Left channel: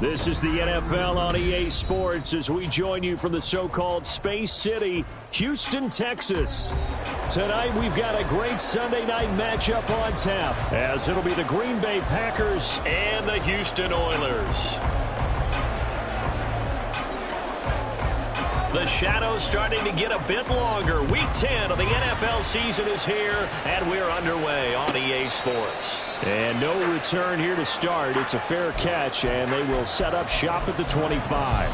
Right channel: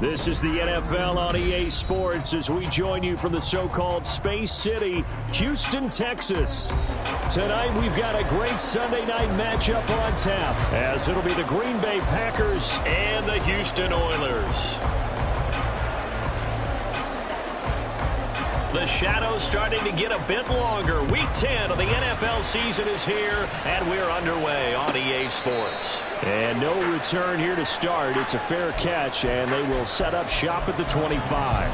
This is the NFL on EA Sports as we join you from the so-called Space City, Houston, Texas. Tonight we've got a great Sunday night matchup on tap as it'll be the Green Bay Packers and the Houston Oilers. The shadow's starting to get a bit longer. Week 10 of the NFL season is here, and we're underway on EA Sports. And no return here to start. It's a fair catch, and they will set up shop at the 25.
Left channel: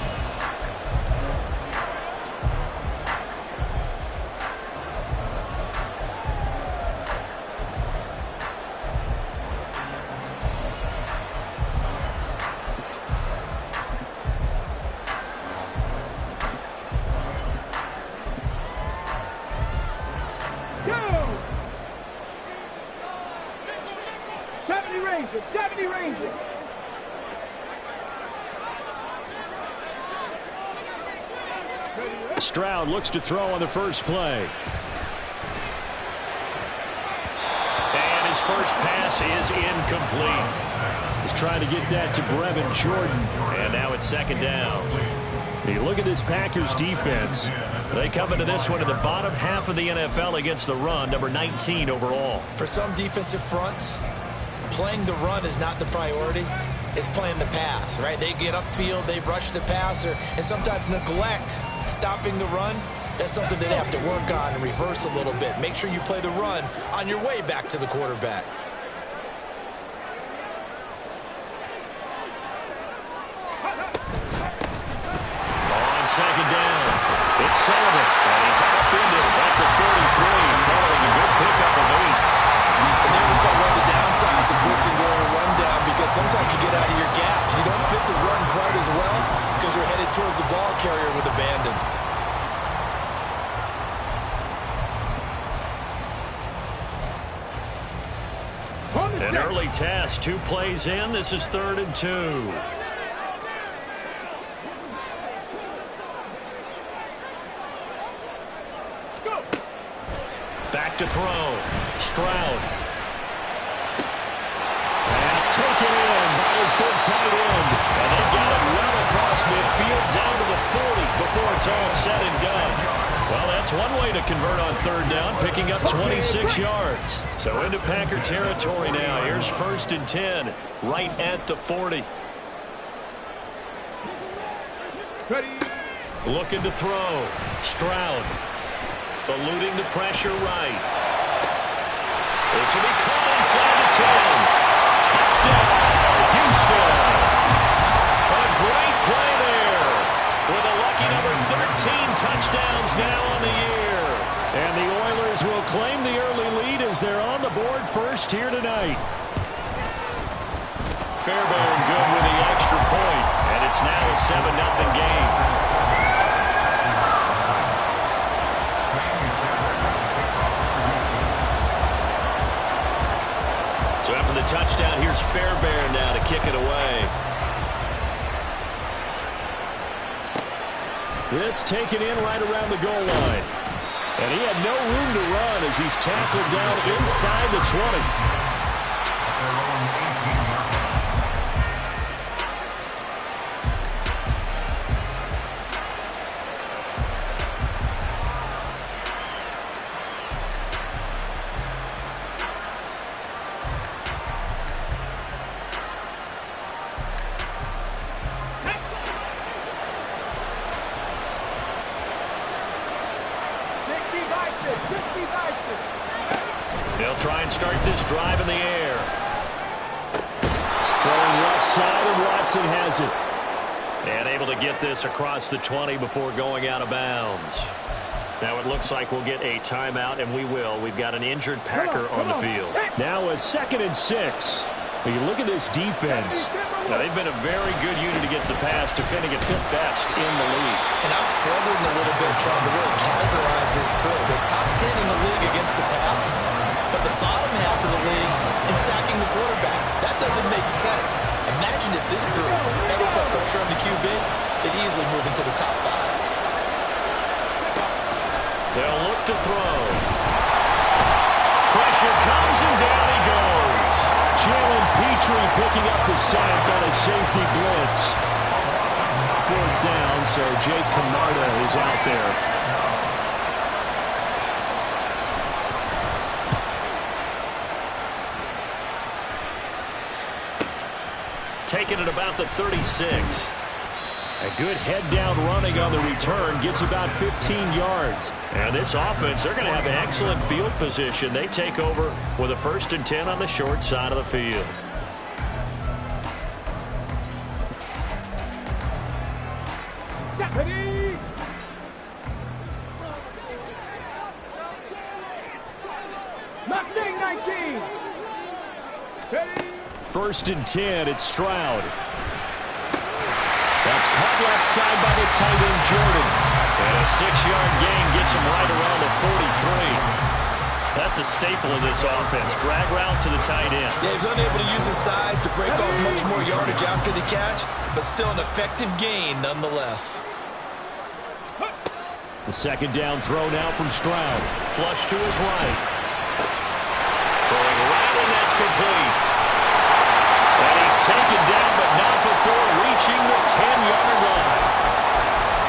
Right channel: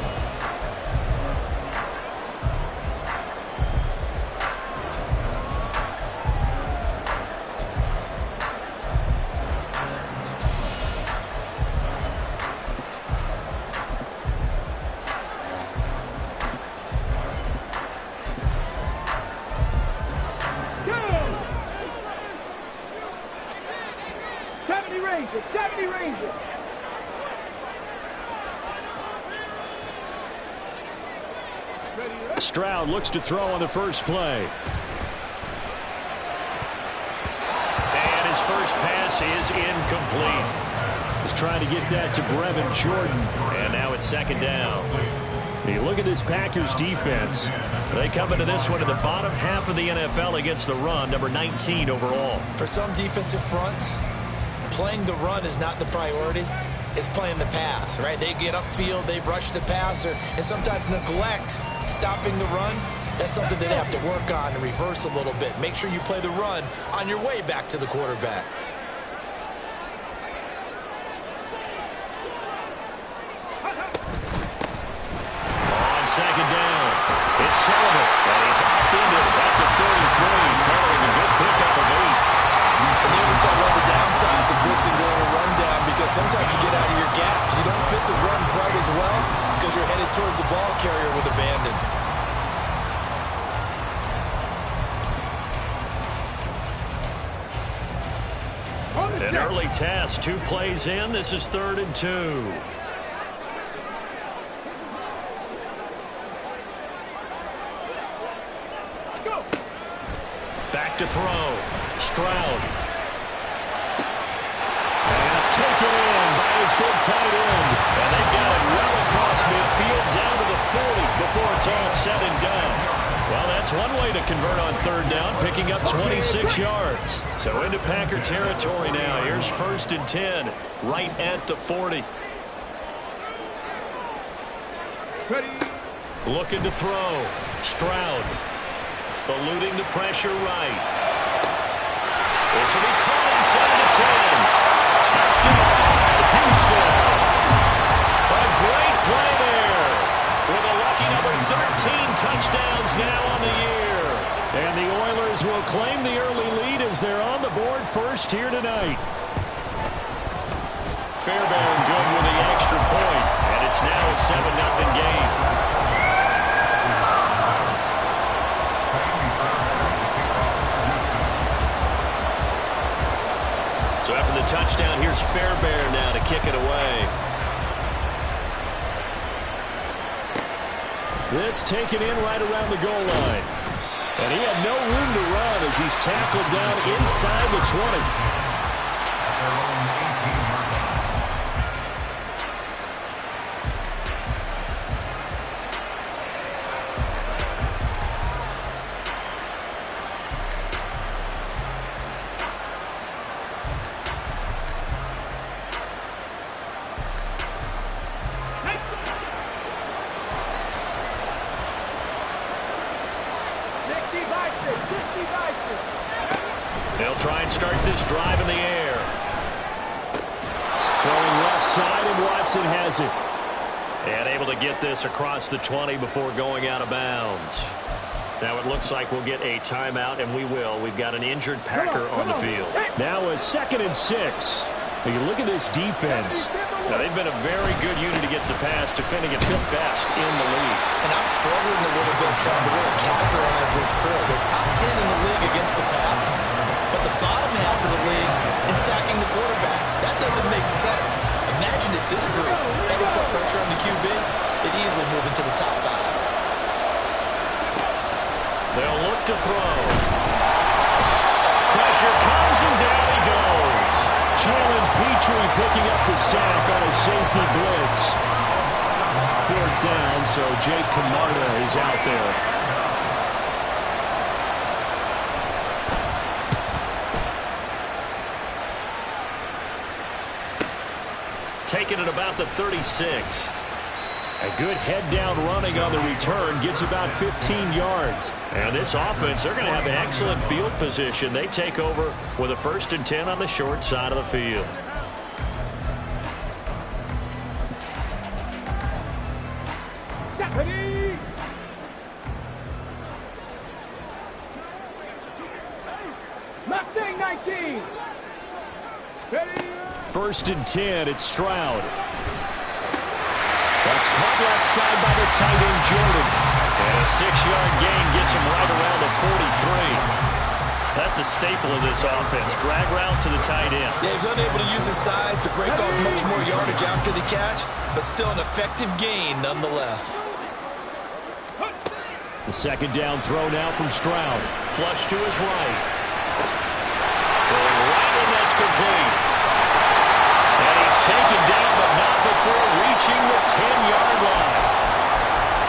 Stroud looks to throw on the first play. And his first pass is incomplete. He's trying to get that to Brevin Jordan. And now it's second down. You look at this Packers defense. They come into this one in the bottom half of the NFL against the run, number 19 overall. For some defensive fronts, playing the run is not the priority. It's playing the pass, right? They get upfield, they rush the passer, and sometimes neglect stopping the run. That's something they have to work on and reverse a little bit. Make sure you play the run on your way back to the quarterback. On second down, it's Sullivan, and he's up into it at the 33, following a good pickup of 8. And there we saw one of the downsides of blitzing during a rundown, because sometimes you get out of your gaps. You don't fit the run quite as well because you're headed towards the ball carrier with abandon. An early test, 2 plays in. This is 3rd and 2. Back to throw. Stroud. Pass taken in by his big tight end. And they've got it well across midfield down to the 40 before it's all said and done. Well, that's one way to convert on 3rd down, picking up 26 yards. So into Packer territory now. Here's 1st and 10, right at the 40. Looking to throw. Stroud. Eluding the pressure right. This will be caught inside the 10. Touchdown, Houston. A great play there. With a lucky number 13 touchdowns now on the year. And the Oilers will claim the early lead as they're on the board first here tonight. Fairbairn good with the extra point. And it's now a 7-0 game. So after the touchdown, here's Fairbairn now to kick it away. This taken in right around the goal line. And he had no room to run as he's tackled down inside the 20. They'll try and start this drive in the air. Throwing left side, and Watson has it. And able to get this across the 20 before going out of bounds. Now it looks like we'll get a timeout, and we will. We've got an injured Packer on the field. Now a 2nd and 6. You look at this defense. Now, they've been a very good unit against the pass, defending at 5th best in the league. And I'm struggling a little bit trying to really categorize this crew. They're top 10 in the league against the pass, but the bottom half of the league in sacking the quarterback. That doesn't make sense. Imagine if this group ever put pressure on the QB, they'd easily move into the top 5. They'll look to throw. Pressure comes, and down he goes. Jalen Petrie picking up the sack on a safety blitz. 4th down, so Jake Camarda is out there. Taking it about the 36. A good head-down running on the return gets about 15 yards. And this offense, they're going to have an excellent field position. They take over with a 1st and 10 on the short side of the field. Ready? Mustang 19. Ready? 1st and 10, it's Stroud. That's caught left side by the tight end, Jordan. And a 6-yard gain gets him right around the 43. That's a staple of this offense. Drag route to the tight end. Yeah, he's unable to use his size to break off much more yardage after the catch, but still an effective gain nonetheless. The 2nd down throw now from Stroud. Flush to his right. Throwing right, and that's complete. And he's taken down, but not before reaching the 10-yard line.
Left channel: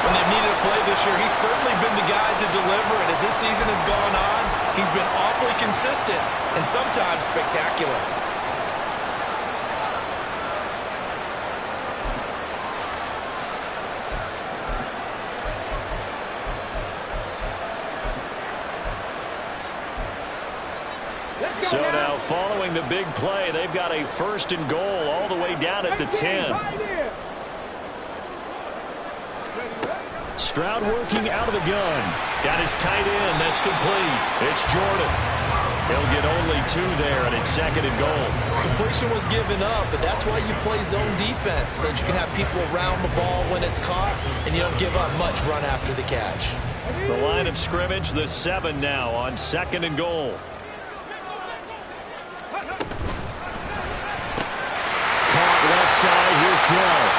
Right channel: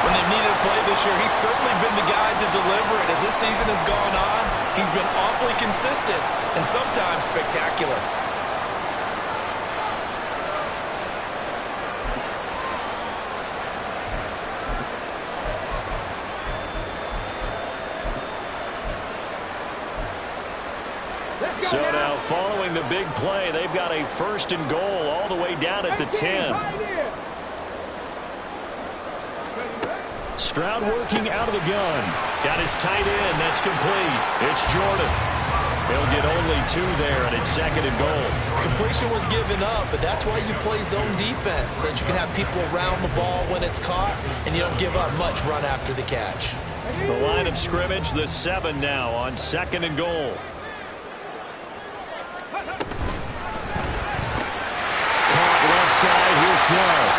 When they've needed a play this year, he's certainly been the guy to deliver it. As this season has gone on, he's been awfully consistent and sometimes spectacular. So now following the big play, they've got a 1st and goal all the way down at the 10. Stroud working out of the gun. Got his tight end. That's complete. It's Jordan. He'll get only 2 there, and it's 2nd and goal. Completion was given up, but that's why you play zone defense, so that you can have people around the ball when it's caught, and you don't give up much run after the catch. The line of scrimmage, the 7 now on 2nd and goal. Caught left side. Here's Dell.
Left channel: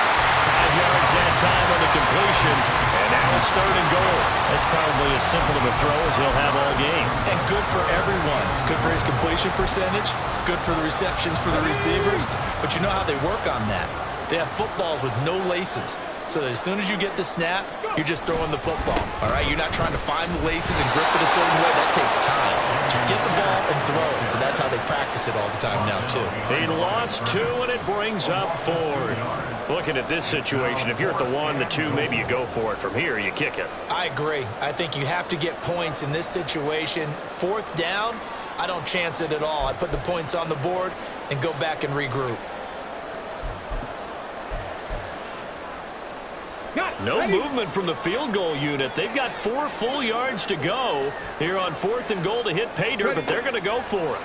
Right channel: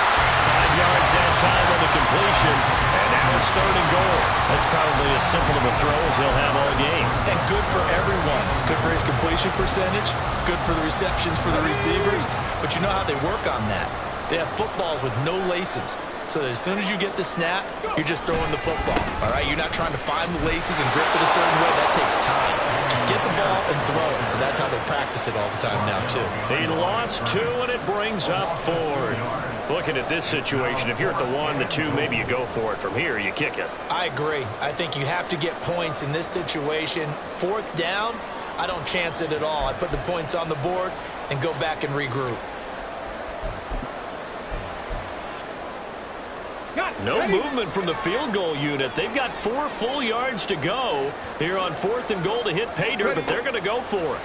5 yards that time on the completion. And now it's 3rd and goal. That's probably as simple of a throw as he'll have all game. And good for everyone. Good for his completion percentage. Good for the receptions for the receivers. But you know how they work on that. They have footballs with no laces. So that as soon as you get the snap, you're just throwing the football. All right? You're not trying to find the laces and grip it a certain way. That takes time. Just get the ball and throw it. So that's how they practice it all the time now, too. He lost 2, and it brings up 4th. Looking at this situation, if you're at the 1, the 2, maybe you go for it. From here, you kick it. I agree. I think you have to get points in this situation. 4th down, I don't chance it at all. I put the points on the board and go back and regroup. No movement from the field goal unit. They've got 4 full yards to go here on 4th and goal to hit pay dirt, but they're going to go for it.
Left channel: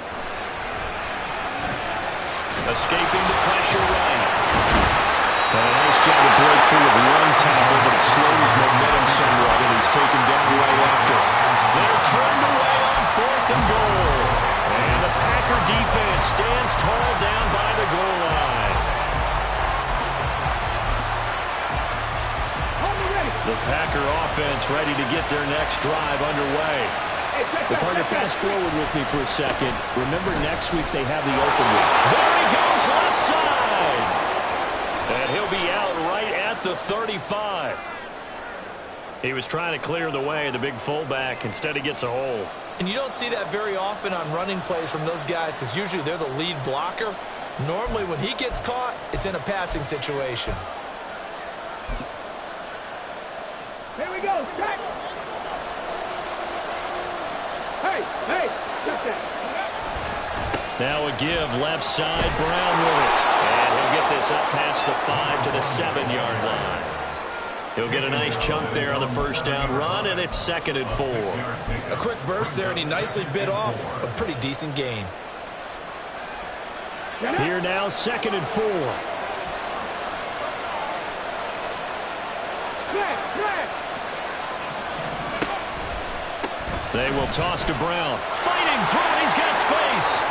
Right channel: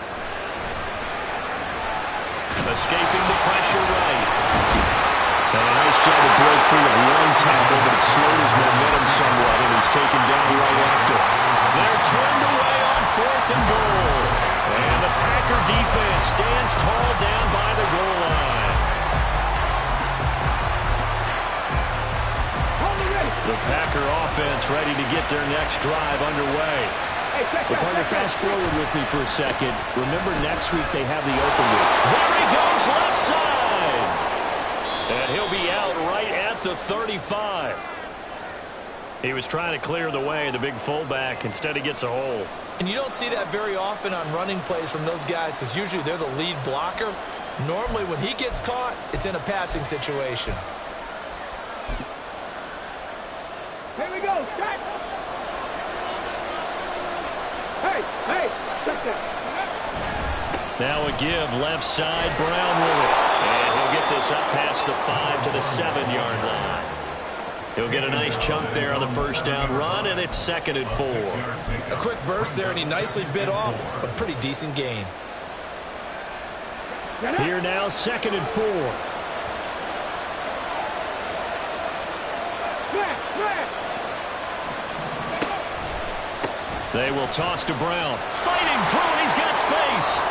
Escaping the pressure right. And a nice job to break free of 1 tackle, but it slowed his momentum somewhat, and he's taken down right after. They're turned away on 4th and goal. And the Packer defense stands tall down by the goal line. The Packer offense ready to get their next drive underway. Well, partner, fast forward with me for a second. Remember, next week they have the open week. There he goes, left side. And he'll be out right at the 35. He was trying to clear the way, the big fullback. Instead, he gets a hole. And you don't see that very often on running plays from those guys because usually they're the lead blocker. Normally, when he gets caught, it's in a passing situation. Here we go, set. Hey, check that. Now a give, left side, Brown with it. And he'll get this up past the 5 to the 7-yard line. He'll get a nice chunk there on the 1st down run, and it's 2nd and 4. A quick burst there, and he nicely bit off a pretty decent gain. Here now, 2nd and 4. They will toss to Brown. Fighting through, and he's got space.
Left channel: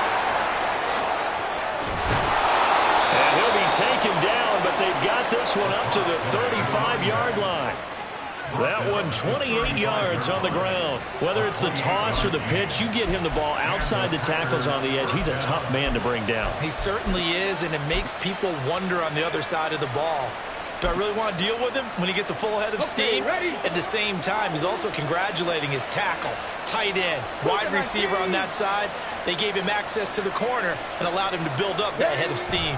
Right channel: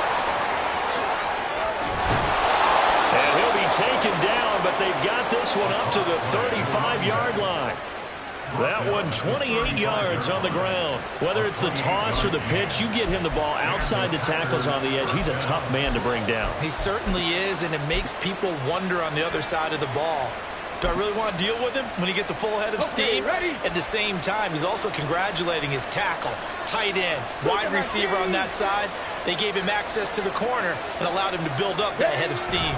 And he'll be taken down, but they've got this one up to the 35-yard line. That one 28 yards on the ground. Whether it's the toss or the pitch, you get him the ball outside the tackles on the edge. He's a tough man to bring down. He certainly is, and it makes people wonder on the other side of the ball. Do I really want to deal with him when he gets a full head of steam? At the same time, he's also congratulating his tackle, tight end, wide receiver on that side. They gave him access to the corner and allowed him to build up that head of steam.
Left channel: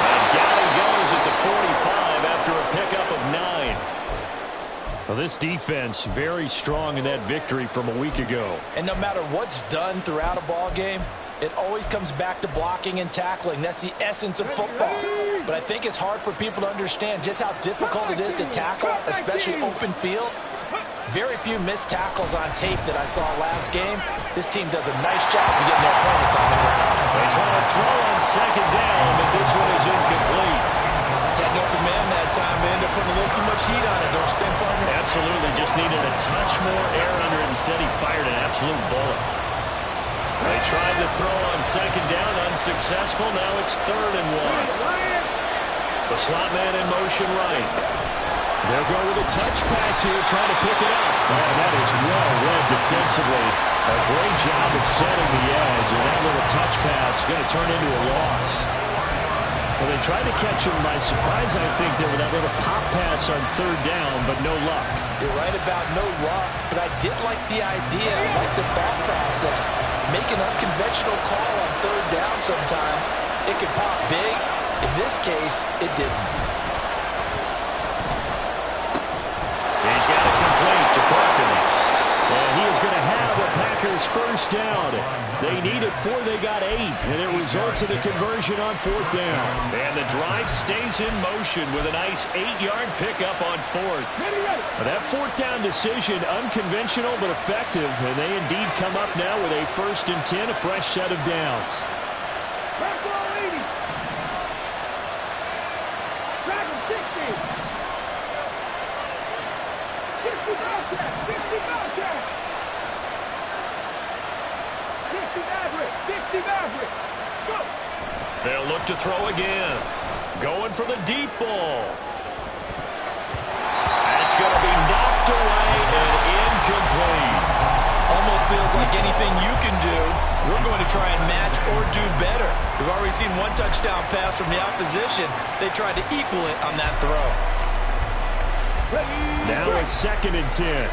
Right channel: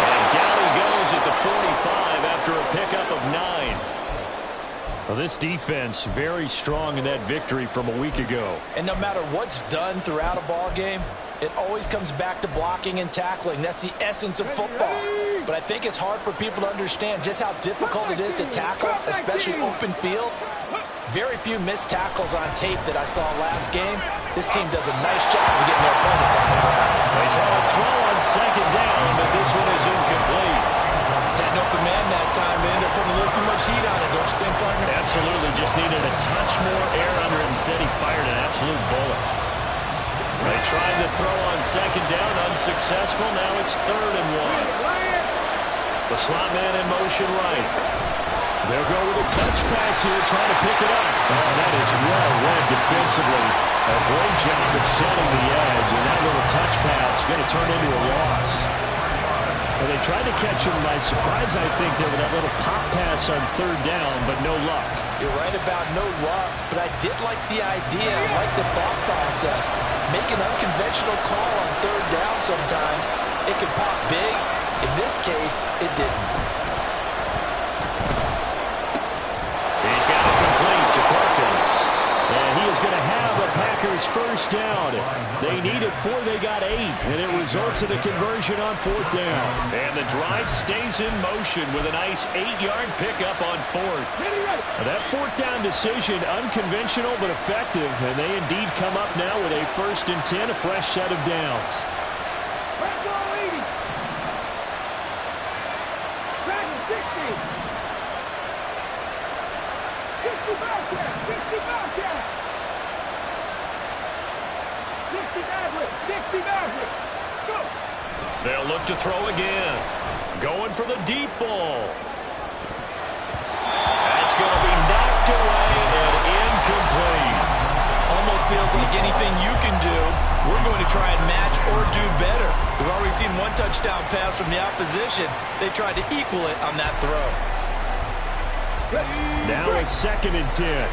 And down he goes at the 45 after a pickup of 9. Well, this defense very strong in that victory from a week ago. And no matter what's done throughout a ball game, it always comes back to blocking and tackling. That's the essence of football. But I think it's hard for people to understand just how difficult it is to tackle, especially open field. Very few missed tackles on tape that I saw last game. This team does a nice job of getting their opponents on the ground. They try to throw on second down, but this one is incomplete. Had an open man that time, but ended up putting a little too much heat on it, don't you think, partner? Absolutely. Just needed a touch more air under it. Instead, he fired an absolute bullet. They tried to throw on second down, unsuccessful. Now it's 3rd and 1. The slot man in motion right. They'll go with a touch pass here, trying to pick it up. Oh, that is well read defensively. A great job of setting the edge, and that little touch pass is going to turn into a loss. Well, they tried to catch him by surprise, I think, there with that little pop pass on 3rd down, but no luck. You're right about no luck, but I did like the idea. I like the thought process. Make an unconventional call on 3rd down sometimes. It can pop big. In this case, it didn't. He's got it complete to Perkins. And he is going to have a Packers first down. They need it 4, they got 8. And it results in a conversion on 4th down. And the drive stays in motion with a nice 8-yard pickup on 4th. Well, that 4th down decision, unconventional but effective. And they indeed come up now with a 1st and 10, a fresh set of downs. Track ball 80. Track 60. 60 Bobcat. 60 Bobcat. 60 Maverick. 60 Maverick. Let's go. They'll look to throw again. Going for the deep ball. That's going to be knocked away and incomplete. Almost feels like anything you can do, we're going to try and match or do better. We've already seen one touchdown pass from the opposition. They tried to equal it on that throw. Now a 2nd and 10.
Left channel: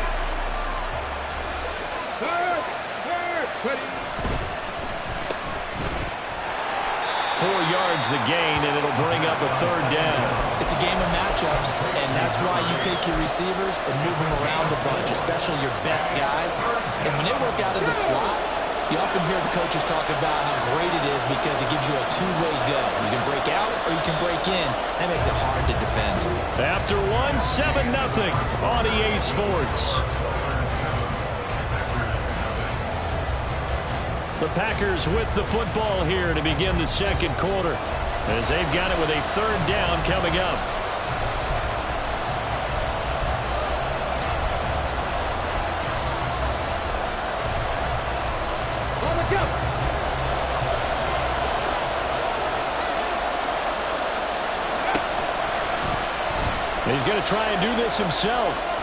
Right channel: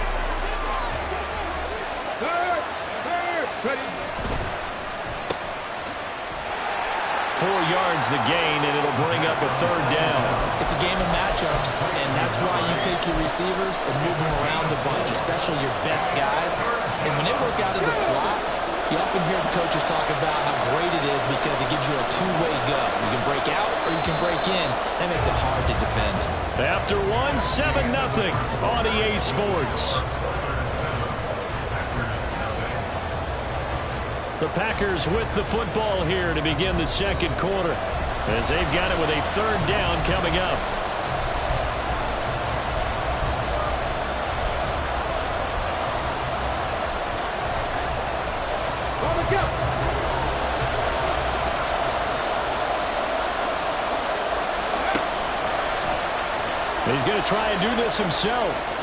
Third. Ready. 4 yards the gain, and it'll bring up a 3rd down. It's a game of matchups, and that's why you take your receivers and move them around a bunch, especially your best guys. And when they work out of the slot, you often hear the coaches talk about how great it is because it gives you a two-way go. You can break out or you can break in. That makes it hard to defend. After 1, 7-0 on EA Sports. The Packers with the football here to begin the 2nd quarter, as they've got it with a 3rd down coming up. On the jump. He's going to try and do this himself.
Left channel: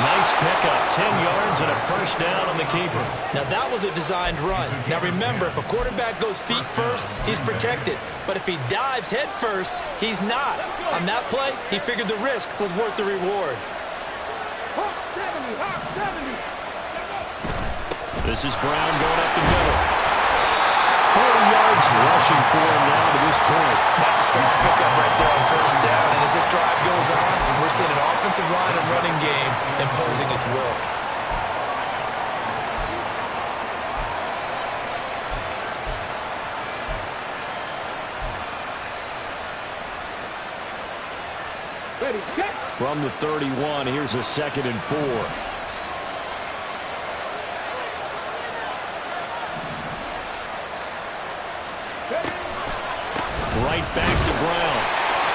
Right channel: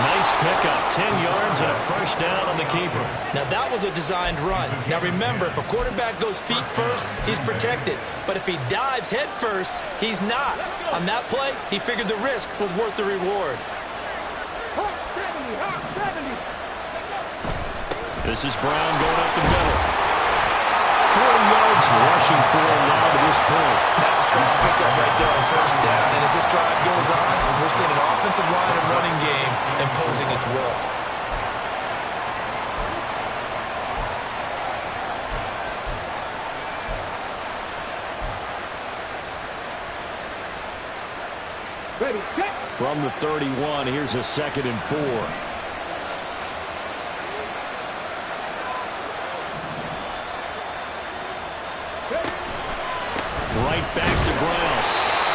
Nice pickup, 10 yards and a 1st down on the keeper. Now that was a designed run. Now remember, if a quarterback goes feet first, he's protected. But if he dives head first, he's not. On that play, he figured the risk was worth the reward. Hawk 70. Hawk 70. This is Brown going up the middle. 40 yards rushing for him now to this point. That's a strong pickup right there on 1st down. And as this drive goes on, we're seeing an offensive line and running game imposing its will. Ready, set. From the 31, here's a 2nd and 4. Right back to Brown.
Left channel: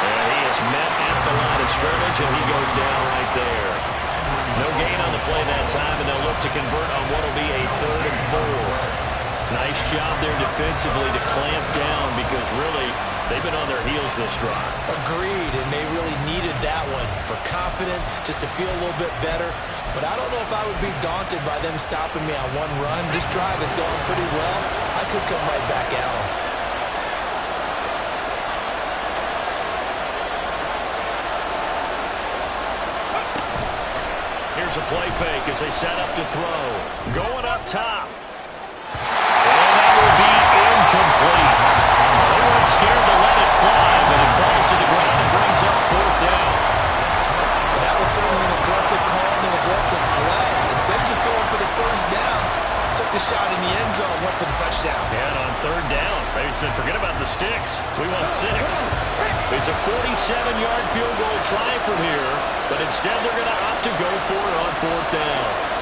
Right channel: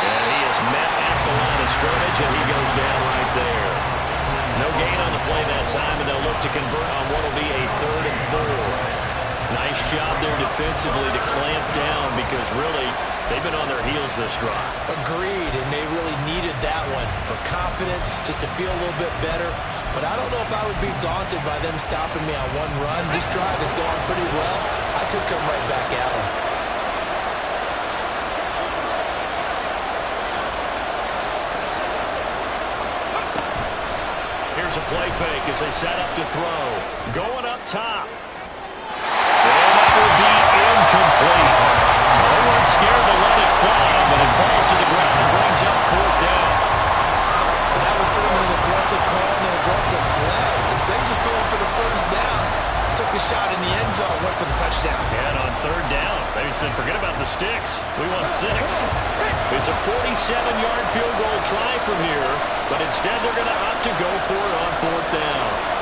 And he is met at the line of scrimmage, and he goes down right there. No gain on the play that time, and they'll look to convert on what will be a 3rd and 4. Nice job there defensively to clamp down, because really They've been on their heels this drive. Agreed, and they really needed that one for confidence, just to feel a little bit better. But I don't know if I would be daunted by them stopping me on one run. This drive is going pretty well. I could come right back at them. Here's a play fake as they set up to throw. Going up top. And that will be incomplete. Well, they weren't scared to let it fly, but it falls to the ground and brings up 4th down. Well, that was certainly an aggressive call and an aggressive play. Instead of just going for the first down, took the shot in the end zone, went for the touchdown. And on 3rd down, they said, forget about the sticks. We want 6. It's a 47-yard field goal try from here, but instead they're going to opt to go for it on 4th down.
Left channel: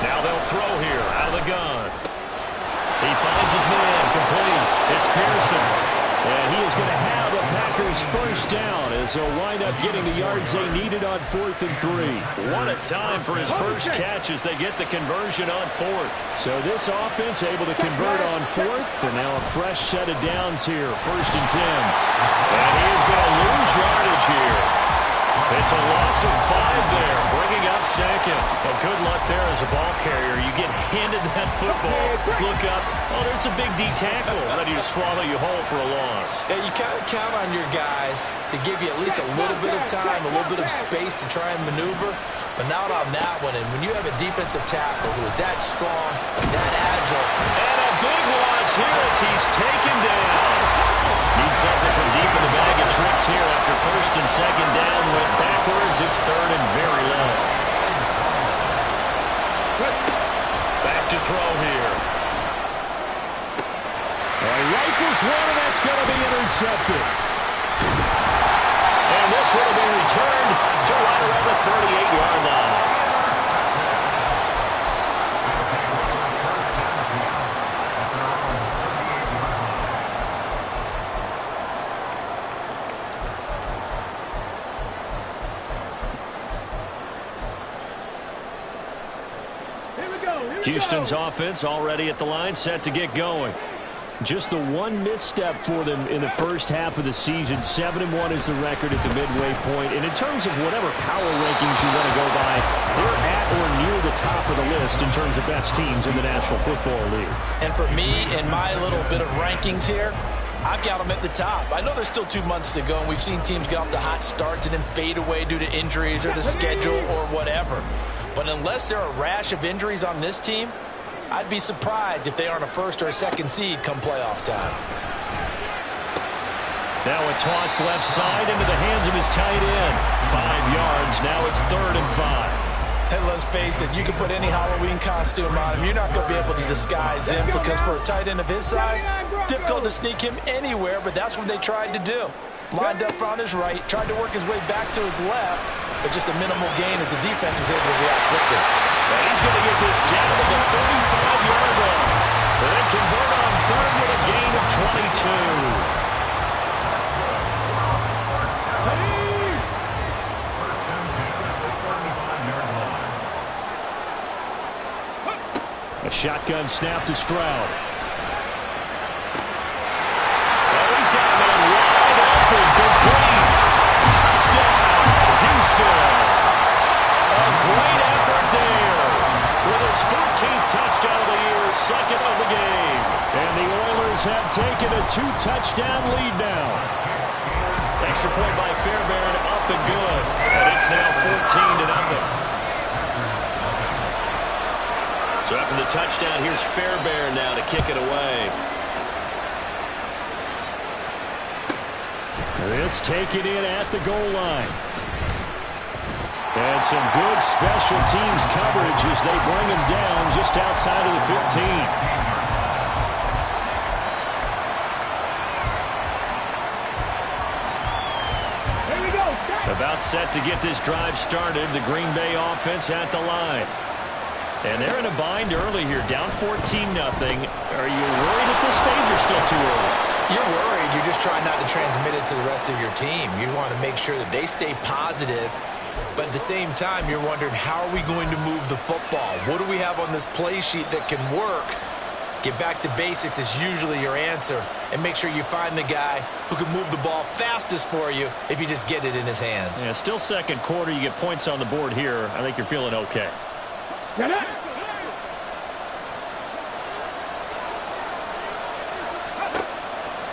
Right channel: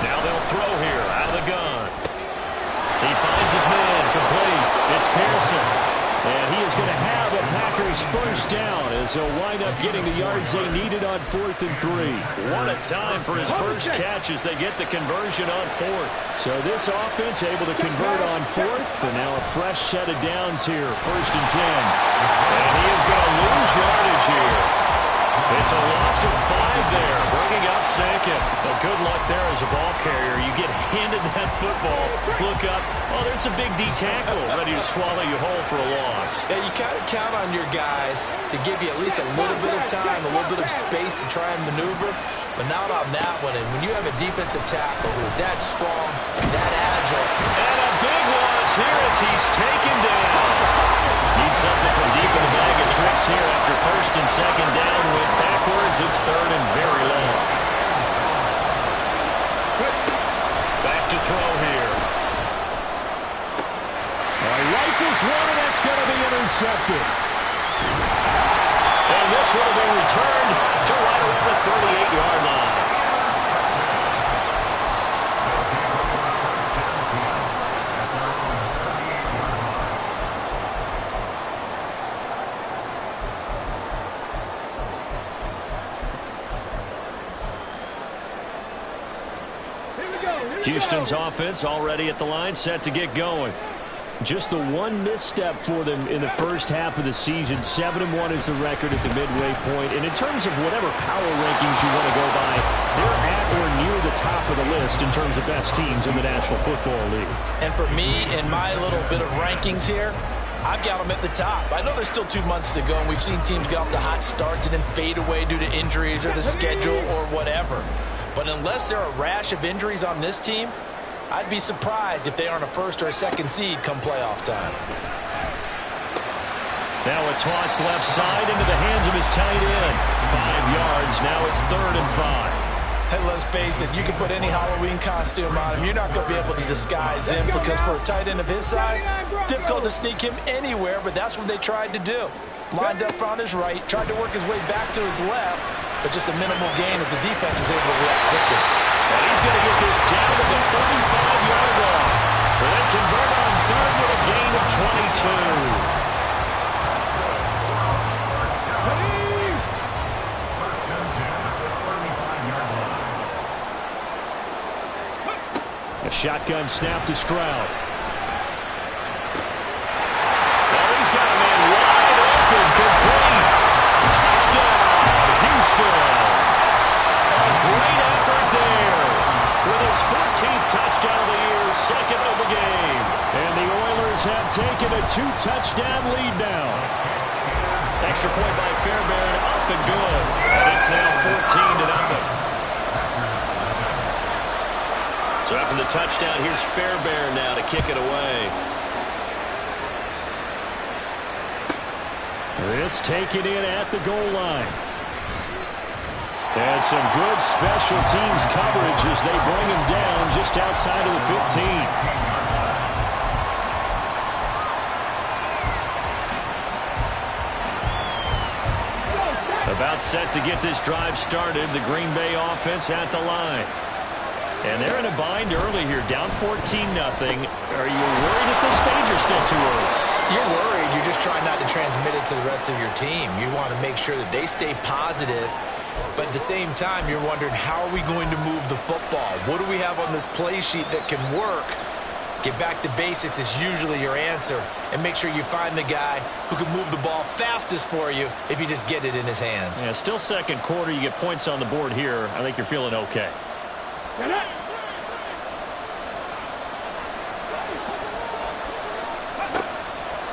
Now they'll throw here out of the gun. He finds his man, complete. It's Pearson. And he is going to have a Packers first down as they'll wind up getting the yards they needed on 4th and 3. What a time for his first catch as they get the conversion on 4th. So this offense able to convert on 4th, and now a fresh set of downs here, 1st and 10. And he is going to lose yardage here. It's a loss of 5 there, bringing up 2nd. Well, good luck there as a ball carrier. You get handed that football, look up, oh, there's a big D tackle ready to swallow you whole for a loss. Yeah, you kind of count on your guys to give you at least a little bit of time, a little bit of space to try and maneuver, but not on that one. And when you have a defensive tackle who is that strong, that agile. And a big loss here as he's taken down. Needs something from deep in the bag of tricks here after 1st and 2nd down. Went backwards. It's 3rd and very long. Back to throw here. Rifles one, and that's going to be intercepted. And this one will be returned to right around the 38-yard line. Houston's offense already at the line, set to get going. Just the one misstep for them in the first half of the season. 7-1 is the record at the midway point. And in terms of whatever power rankings you want to go by, they're at or near the top of the list in terms of best teams in the National Football League. And for me, in my little bit of rankings here, I've got them at the top. I know there's still 2 months to go, and we've seen teams get off to hot starts and then fade away due to injuries or the schedule or whatever. But unless there are a rash of injuries on this team, I'd be surprised if they aren't a 1st or a 2nd seed come playoff time. Now a toss left side into the hands of his tight end. 5 yards. Now it's 3rd and 5. Hey, let's face it, you can put any Halloween costume on him. You're not going to be able to disguise him because for a tight end of his size, difficult to sneak him anywhere, but that's what they tried to do. Lined up on his right, tried to work his way back to his left, but just a minimal gain as the defense was able to react quickly. And he's going to get this down to the 35-yard line. But then convert on 3rd with a gain of 22. A shotgun snap to Stroud. Well, he's got a man wide open, complete. Touchdown, Houston. A great effort there. With his 14th touchdown of the year, 2nd of the game. And the Oilers have taken a 2-touchdown lead now. Extra point by Fairbairn, up and good. And it's now 14-0. So after the touchdown, here's Fairbairn now to kick it away. This taken in at the goal line. And some good special teams coverage as they bring him down just outside of the 15. About set to get this drive started. The Green Bay offense at the line. And they're in a bind early here, down 14-0. Are you worried at this stage or still too early? You're worried. You're just trying not to transmit it to the rest of your team. You want to make sure that they stay positive But at the same time, you're wondering, how are we going to move the football? What do we have on this play sheet that can work? Get back to basics is usually your answer. And make sure you find the guy who can move the ball fastest for you if you just get it in his hands. Yeah, still second quarter. You get points on the board here. I think you're feeling okay. Get it.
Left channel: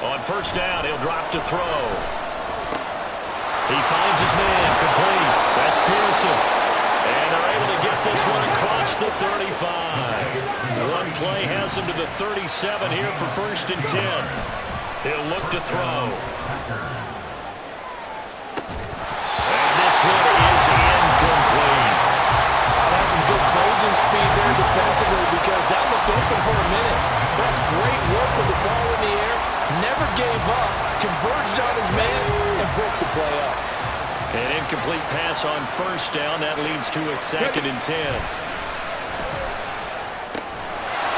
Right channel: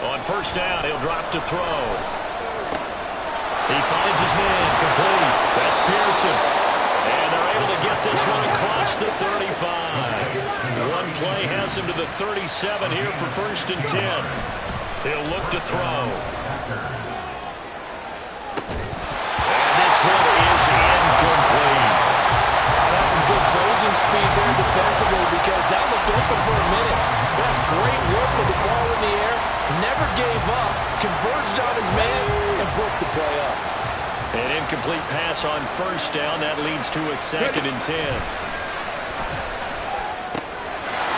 On first down, he'll drop to throw. He finds his man, complete. That's Pearson. And they're able to get this one across the 35. One play has him to the 37 here for 1st and 10. He'll look to throw. And this one is incomplete. That's some good closing speed there defensively, because that looked open for a minute. That's great work with the ball in the air. Never gave up, converged on his man, and broke the play up. An incomplete pass on first down. That leads to a 2nd and 10.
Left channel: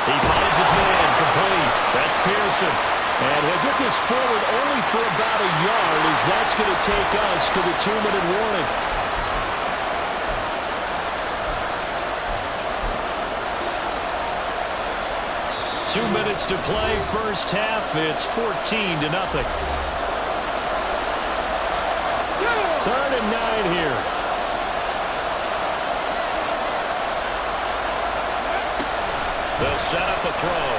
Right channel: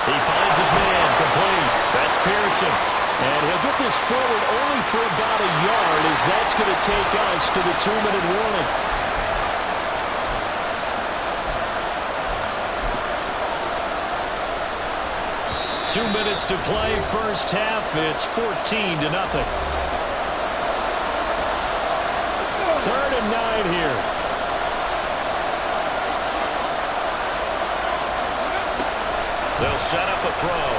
He finds his man, complete. That's Pearson. And he'll get this forward only for about a yard, as that's going to take us to the 2-minute warning. Two minutes to play, first half. It's 14-0. 3rd and 9 here. They'll set up a throw.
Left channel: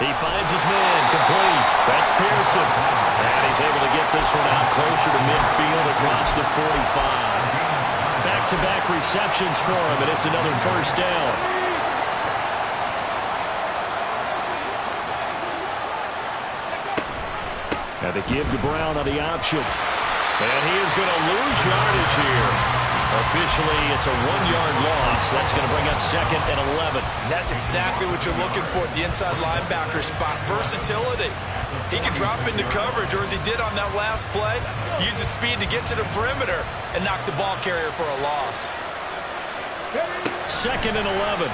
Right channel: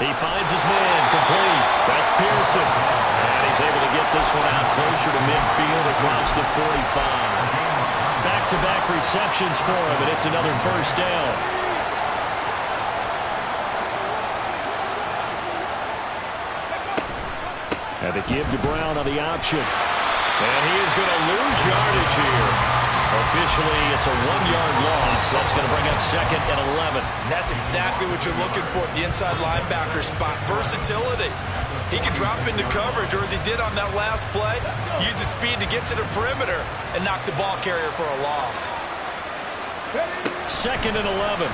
He finds his man, complete. That's Pearson. And he's able to get this one out closer to midfield across the 45. Back-to-back receptions for him, and it's another first down. And they give to Brown on the option. And he is going to lose yardage here. Officially, it's a 1-yard loss. That's going to bring up 2nd and 11. And that's exactly what you're looking for at the inside linebacker spot. Versatility. He can drop into coverage, or as he did on that last play, use his speed to get to the perimeter and knock the ball carrier for a loss. 2nd and 11.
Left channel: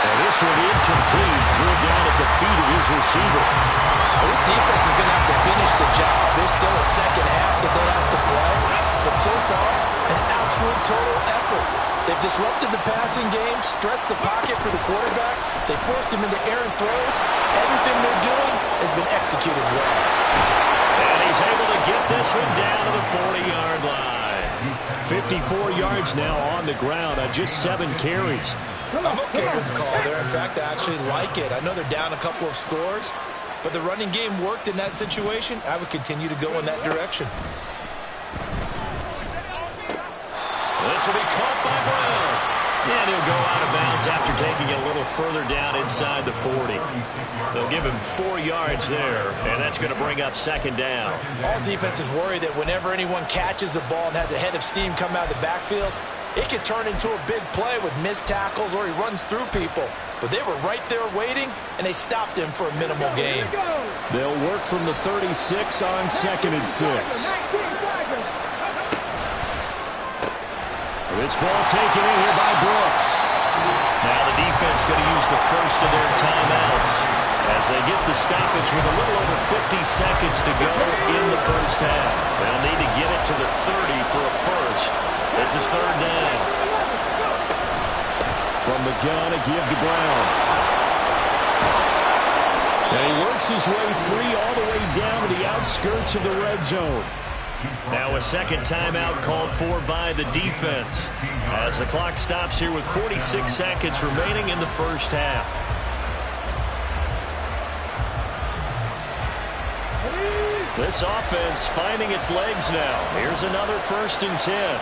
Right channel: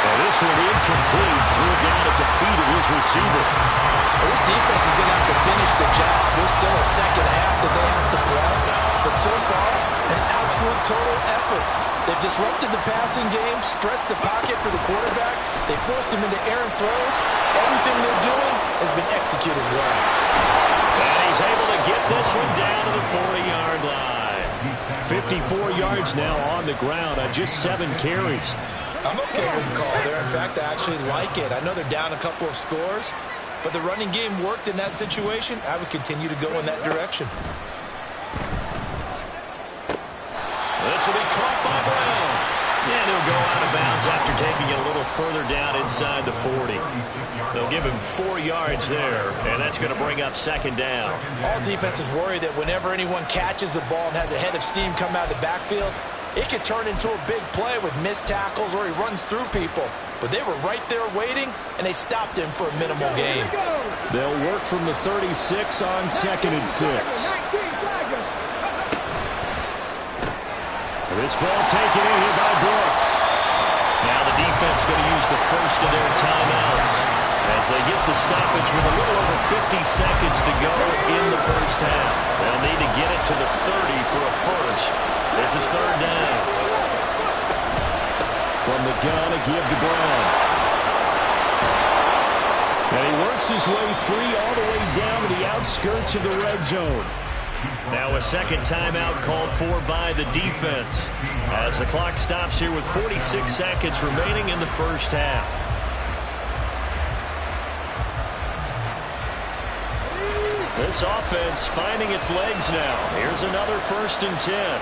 And this one incomplete. Threw it down at the feet of his receiver. Well, this defense is going to have to finish the job. There's still a second half that they have to play. But so far, an absolute total effort. They've disrupted the passing game, stressed the pocket for the quarterback. They forced him into errant throws. Everything they're doing has been executed well. And he's able to get this one down to the 40-yard line. 54 yards now on the ground on just 7 carries. I'm okay with the call there. In fact, I actually like it. I know they're down a couple of scores, but the running game worked in that situation. I would continue to go in that direction. This will be caught by Brown. And he'll go out of bounds after taking it a little further down inside the 40. They'll give him 4 yards there, and that's going to bring up 2nd down. All defenses worry that whenever anyone catches the ball and has a head of steam come out of the backfield, it could turn into a big play with missed tackles or he runs through people. But they were right there waiting, and they stopped him for a minimal gain. They'll work from the 36 on 2nd and 6. This ball taken in here by Brooks. Now the defense going to use the first of their timeouts as they get the stoppage with a little over 50 seconds to go in the first half. They'll need to get it to the 30 for a first. This is 3rd down. From the gun, a give to Brown. And he works his way free all the way down to the outskirts of the red zone. Now a second timeout called for by the defense as the clock stops here with 46 seconds remaining in the first half. This offense finding its legs now. Here's another 1st and 10.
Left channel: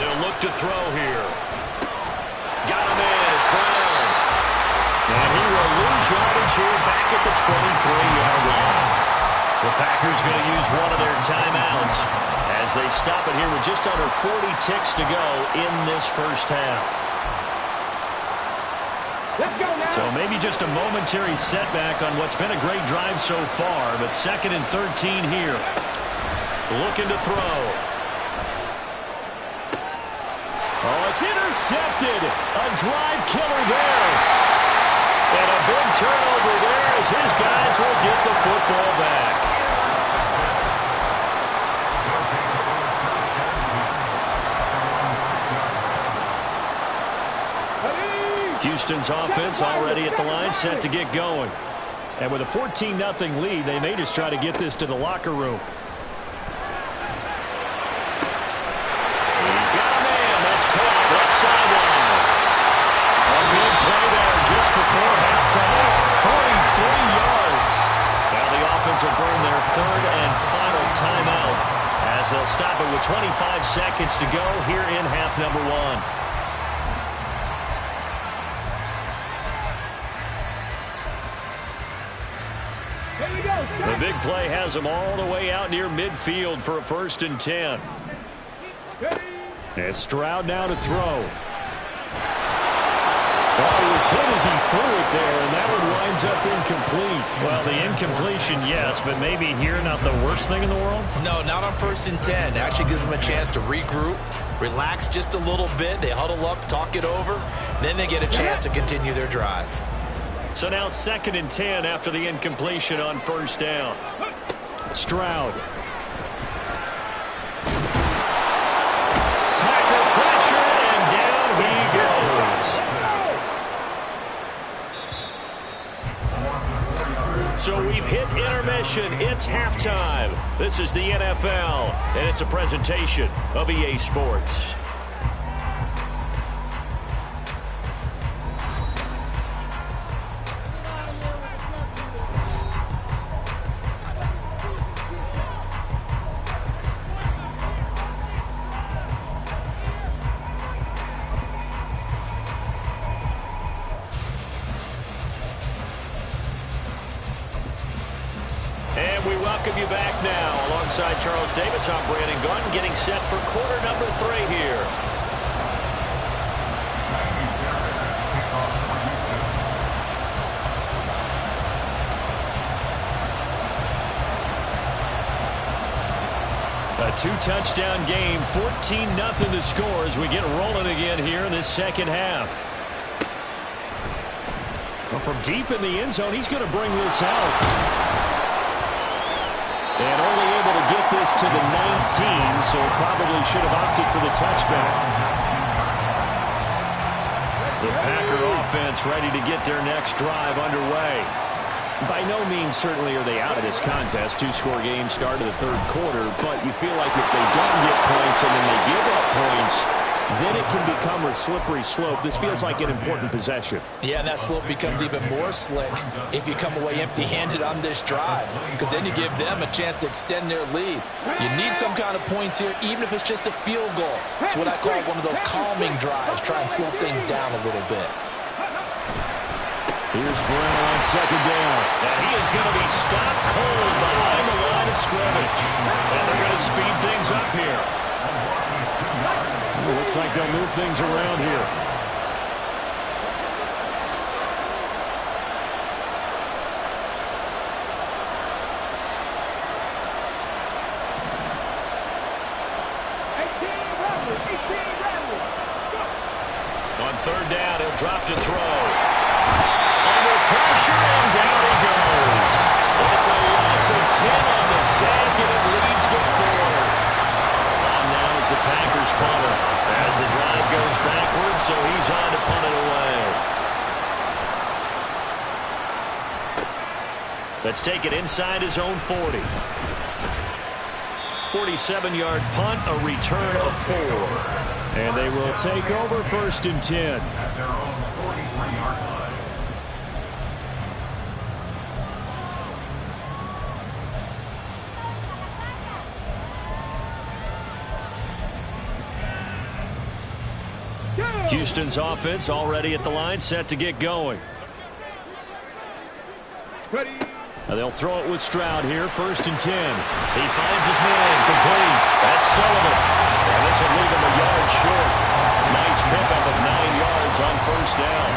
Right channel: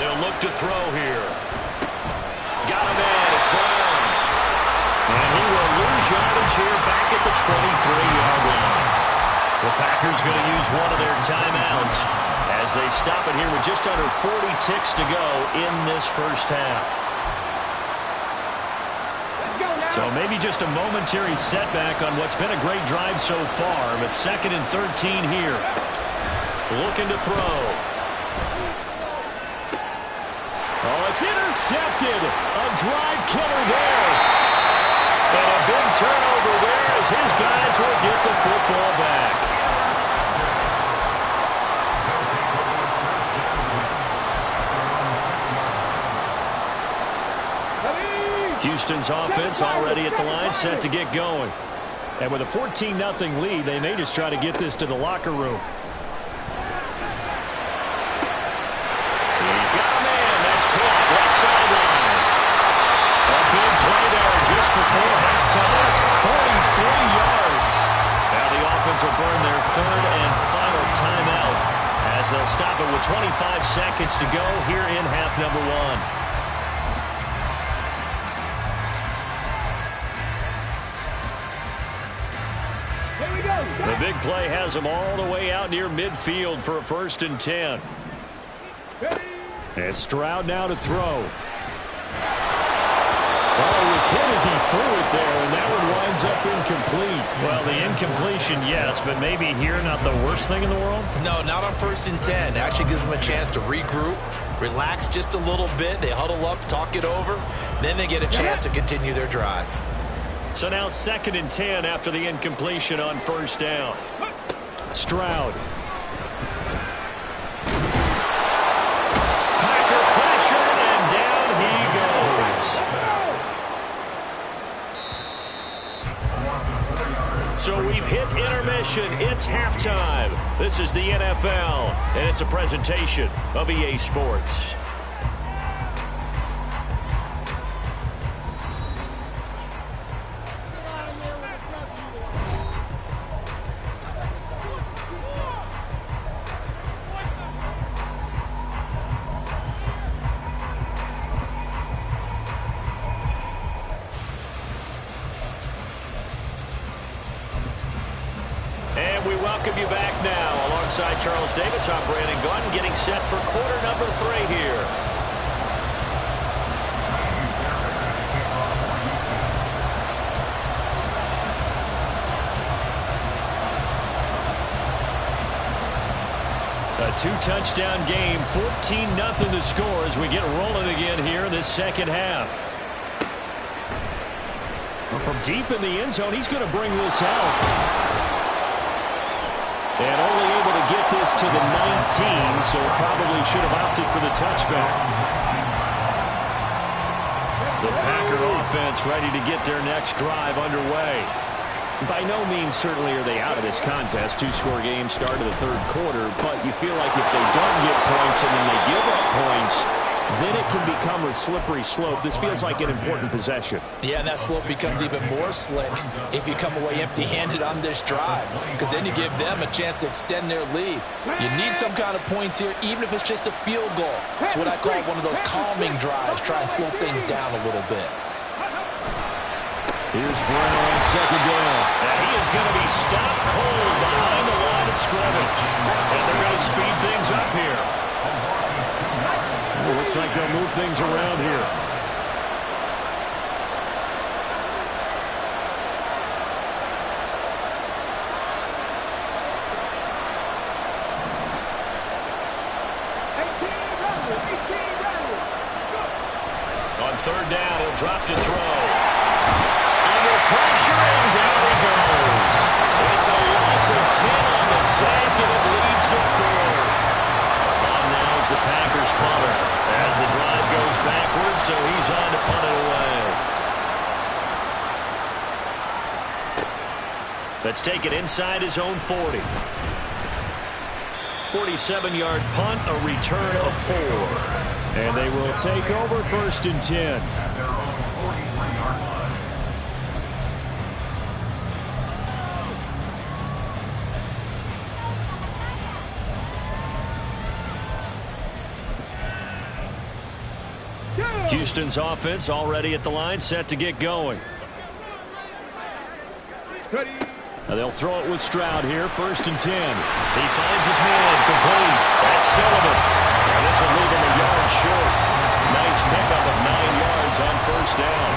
They'll look to throw here. Got him in. It's Brown. And he will lose yardage here back at the 23-yard line. The Packers going to use one of their timeouts as they stop it here with just under 40 ticks to go in this first half. Let's go now. So maybe just a momentary setback on what's been a great drive so far, but 2nd and 13 here. Looking to throw. Oh, it's intercepted. A drive killer there. And a big turnover there as his guys will get the football back. Houston's offense already at the line, set to get going. And with a 14-0 lead, they may just try to get this to the locker room. He's got a man. That's caught left sideline. A big play there just before halftime. 43 yards. Now the offense will burn their third and final timeout as they'll stop it with 25 seconds to go here in half number one. The big play has them all the way out near midfield for a 1st and 10. And Stroud now to throw. Oh, he was hit as he threw it there, and that one winds up incomplete. Well, the incompletion, yes, but maybe here not the worst thing in the world? No, not on 1st and 10. It actually gives them a chance to regroup, relax just a little bit. They huddle up, talk it over. Then they get a chance to continue their drive. So now 2nd and 10 after the incompletion on 1st down. Stroud. Packer pressured, and down he goes. So we've hit intermission. It's halftime. This is the NFL, and it's a presentation of EA Sports. And we welcome you back now. Alongside Charles Davis, I'm Brandon Gunn, getting set for quarter number 3 here. A 2-touchdown game, 14-0 to score as we get rolling again here in this second half. Well, from deep in the end zone, he's going to bring this out. And only able to get this to the 19, so probably should have opted for the touchback. The Packer offense ready to get their next drive underway. By no means certainly are they out of this contest. 2-score game, start of the 3rd quarter, but you feel like if they don't get points and then they give up points, then it can become a slippery slope. This feels like an important possession. Yeah, and that slope becomes even more slick if you come away empty-handed on this drive, because then you give them a chance to extend their lead. You need some kind of points here, even if it's just a field goal. It's what I call one of those calming drives. Try and slow things down a little bit. Here's Brown on 2nd down. And he is going to be stopped cold behind the line of scrimmage. And they're going to speed things up here. Well, looks like they'll move things around here. On 3rd down, he'll drop to throw. Under pressure, and down he goes. It's a loss of 10 on the sack, and it leads to 4th. On now is the Packers punter as the drive goes backwards, so he's on to punt it away. Let's take it inside his own 40. 47-yard punt, a return of 4. And they will take over 1st and 10. At their own 43-yard line. Houston's offense already at the line, set to get going. Now they'll throw it with Stroud here, 1st and 10. He finds his man, complete. That's Sullivan. And this will leave him a yard short. Nice pickup of 9 yards on 1st down.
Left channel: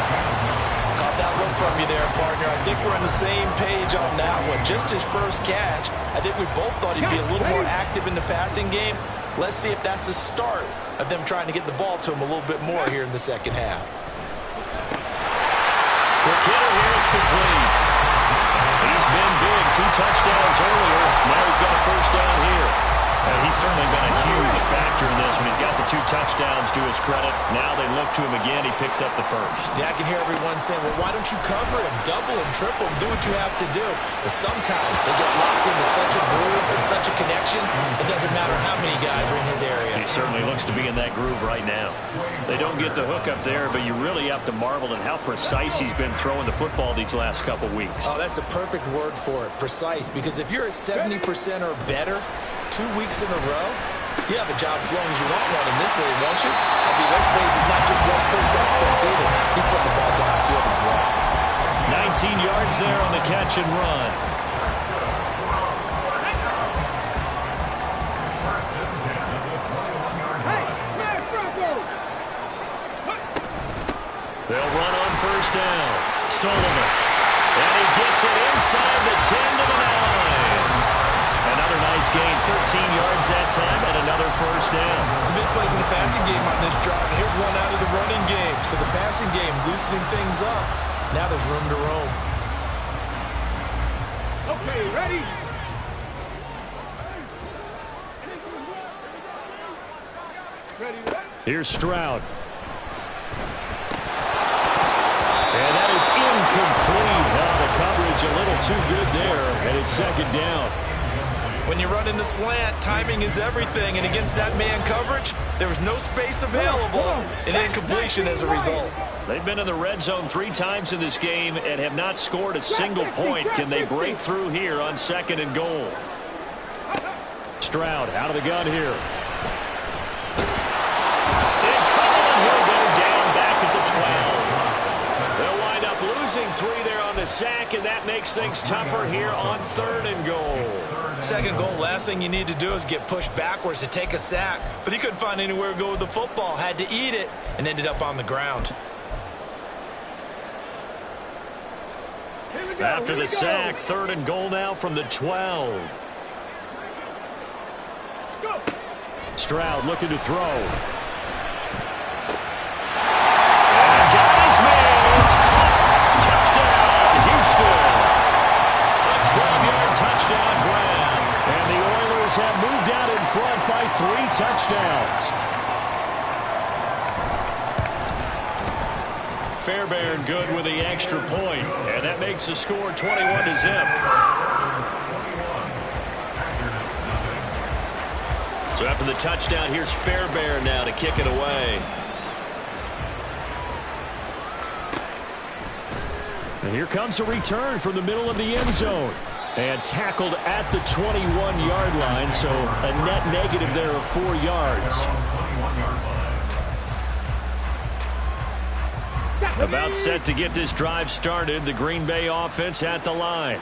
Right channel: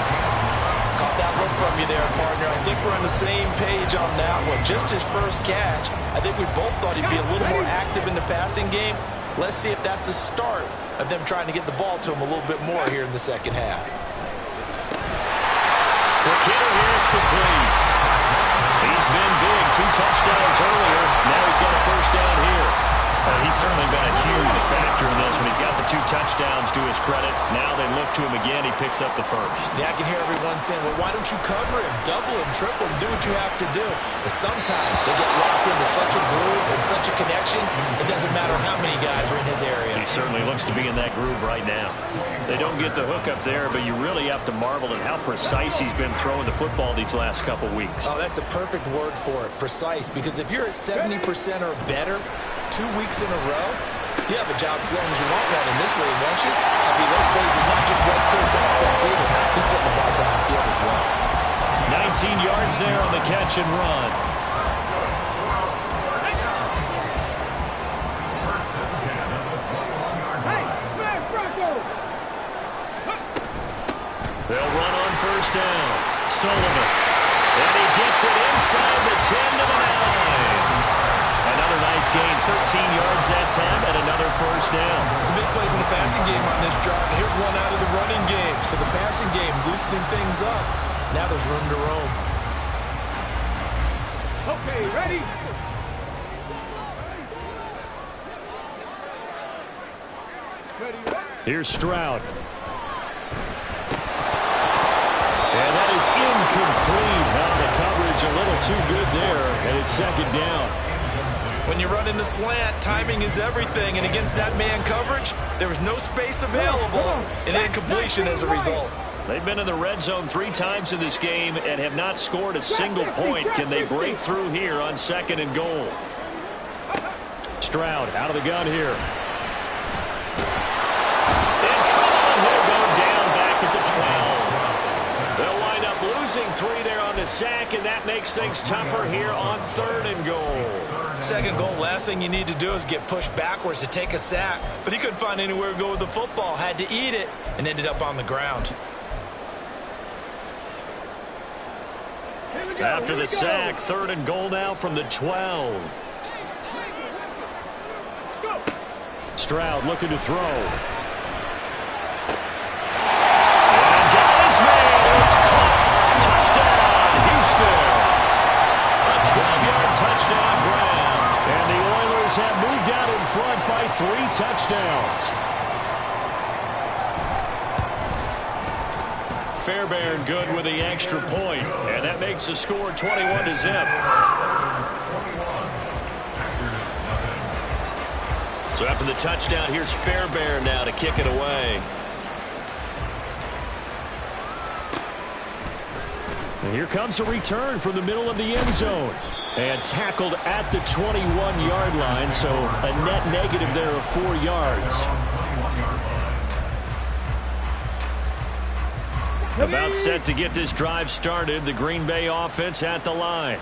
Caught that look from you there, partner. I think we're on the same page on that one. Just his first catch. I think we both thought he'd be a little more active in the passing game. Let's see if that's the start of them trying to get the ball to him a little bit more here in the second half. Quick hitter here, it's complete. He's been big, 2 touchdowns earlier. Now he's got a first down here. He's certainly been a huge factor in this when he's got the 2 touchdowns to his credit. Now they look to him again. He picks up the first. Yeah, I can hear everyone saying, well, why don't you cover him, double him, triple him, do what you have to do. But sometimes they get locked into such a groove and such a connection, it doesn't matter how many guys are in his area. He certainly looks to be in that groove right now. They don't get the hook up there, but you really have to marvel at how precise he's been throwing the football these last couple weeks. Oh, that's the perfect word for it, precise. Because if you're at 70% or better 2 weeks in a row, you have a job as long as you want one in this league, won't you? I mean, let's face it, it's not just West Coast offense either. He's putting the ball downfield as well. 19 yards there on the catch and run. They'll run on first down. Sullivan. And he gets it inside the 10 to the 9. Another nice gain, 13 yards that time, and another first down. It's a big plays in the passing game on this drive. And here's one out of the running game. So the passing game loosening things up. Now there's room to roam. Okay, ready? Ready, ready. Here's Stroud. And that is incomplete. Now the coverage a little too good there, and it's second down. When you run in the slant, timing is everything. And against that man coverage, there was no space available. An incompletion as a result. They've been in the red zone 3 times in this game and have not scored a single point. Can they break through here on 2nd and goal? Stroud out of the gun here. In trouble, and he'll go down back at the 12. They'll wind up losing 3 there on the sack, and that makes things tougher here on 3rd and goal. 2nd goal, last thing you need to do is get pushed backwards to take a sack. But he couldn't find anywhere to go with the football. Had to eat it and ended up on the ground. After the sack, 3rd and goal now from the 12. Stroud looking to throw. And got his man. It's caught. Touchdown, Houston. A 12-yard touchdown grab. And the Oilers have moved out in front by 3 touchdowns. Fairbairn good with the extra point, and that makes the score 21-0. So after the touchdown, here's Fairbairn now to kick it away. And here comes a return from the middle of the end zone. And tackled at the 21-yard line, so a net negative there of 4 yards. About set to get this drive started. The Green Bay offense at the line.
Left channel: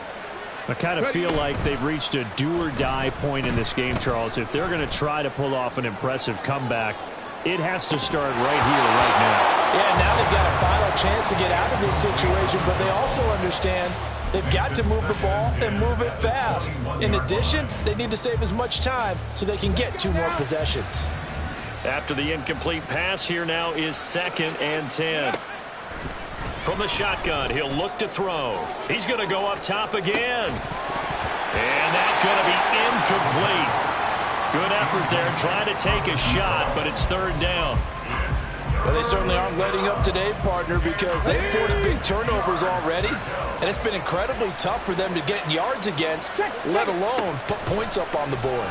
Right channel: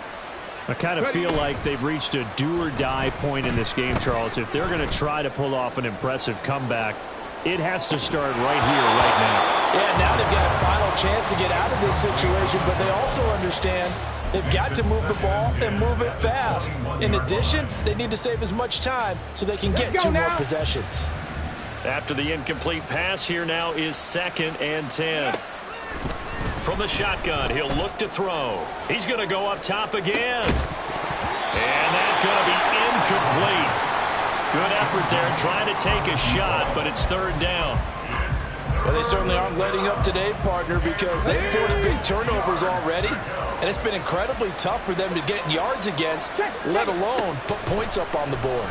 I kind of feel like they've reached a do-or-die point in this game, Charles. If they're going to try to pull off an impressive comeback, it has to start right here, right now. Yeah, now they've got a final chance to get out of this situation, but they also understand they've got to move the ball and move it fast. In addition, they need to save as much time so they can get 2 more possessions. After the incomplete pass, here now is 2nd and 10. From the shotgun, he'll look to throw. He's going to go up top again. And that's going to be incomplete. Good effort there trying to take a shot, but it's 3rd down. Well, they certainly aren't letting up today, partner, because they've forced big turnovers already. And it's been incredibly tough for them to get yards against, let alone put points up on the board.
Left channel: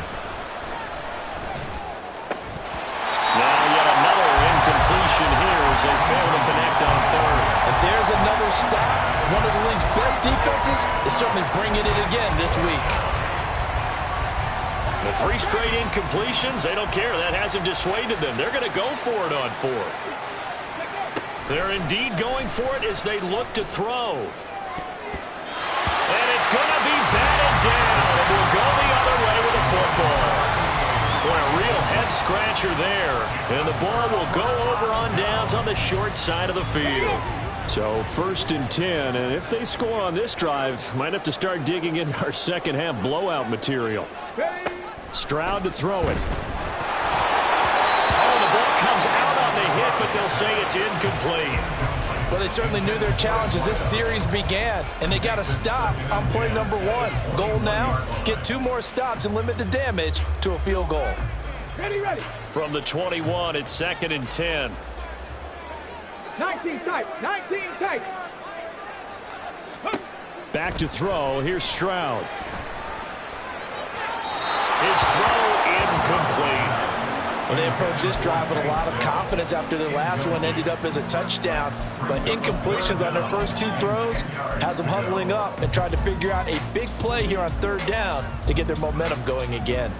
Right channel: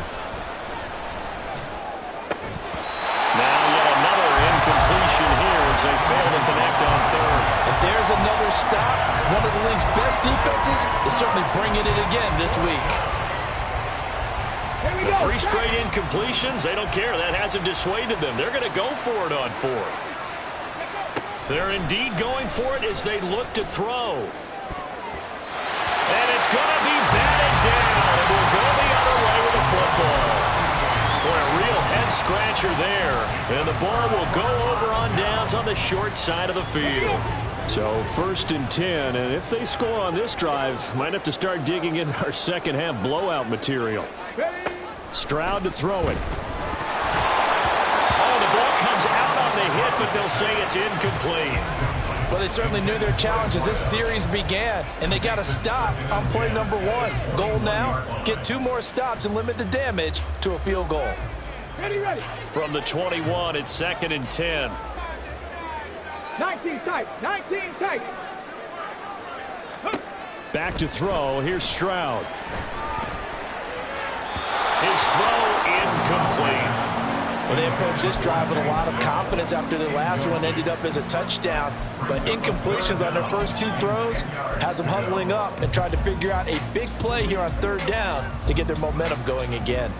Now yet another incompletion here as they fail to connect on 3rd. And there's another stop. One of the league's best defenses is certainly bringing it again this week. The 3 straight incompletions, they don't care. That hasn't dissuaded them. They're going to go for it on 4th. They're indeed going for it as they look to throw. And it's going to be batted down. It will go the other way with the football. Boy, a real head-scratcher there. And the ball will go over on downs on the short side of the field. So 1st and 10, and if they score on this drive, might have to start digging in our second-half blowout material. Stroud to throw it. And the ball comes out on the hit, but they'll say it's incomplete. Well, they certainly knew their challenge as this series began, and they got to stop on play number 1. Goal now, get 2 more stops and limit the damage to a field goal. Ready. From the 21, it's 2nd and 10. 19 tight. Back to throw. Here's Stroud. His throw incomplete. Well, they approached this drive with a lot of confidence after their last one ended up as a touchdown. But incompletions on their first 2 throws has them huddling up and trying to figure out a big play here on 3rd down to get their momentum going again.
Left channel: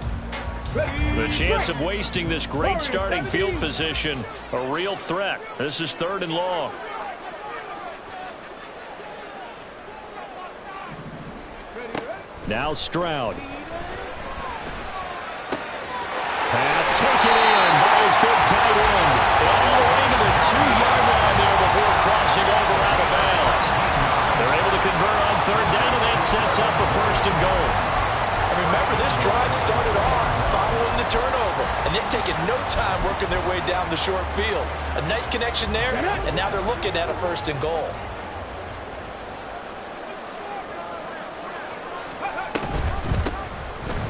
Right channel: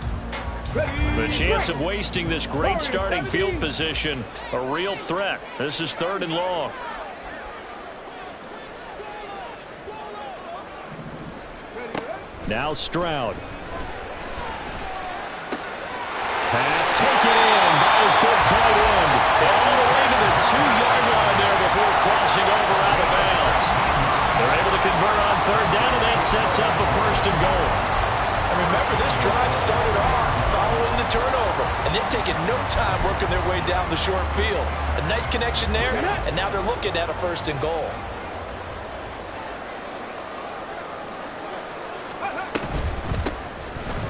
The chance of wasting this great starting field position, a real threat. This is 3rd and long. Now Stroud. Pass taken in by his big tight end. All the way to the 2-yard line there before crossing over out of bounds. They're able to convert on 3rd down, and that sets up a 1st and goal. And remember, this drive started off following the turnover, and they've taken no time working their way down the short field. A nice connection there, and now they're looking at a 1st and goal.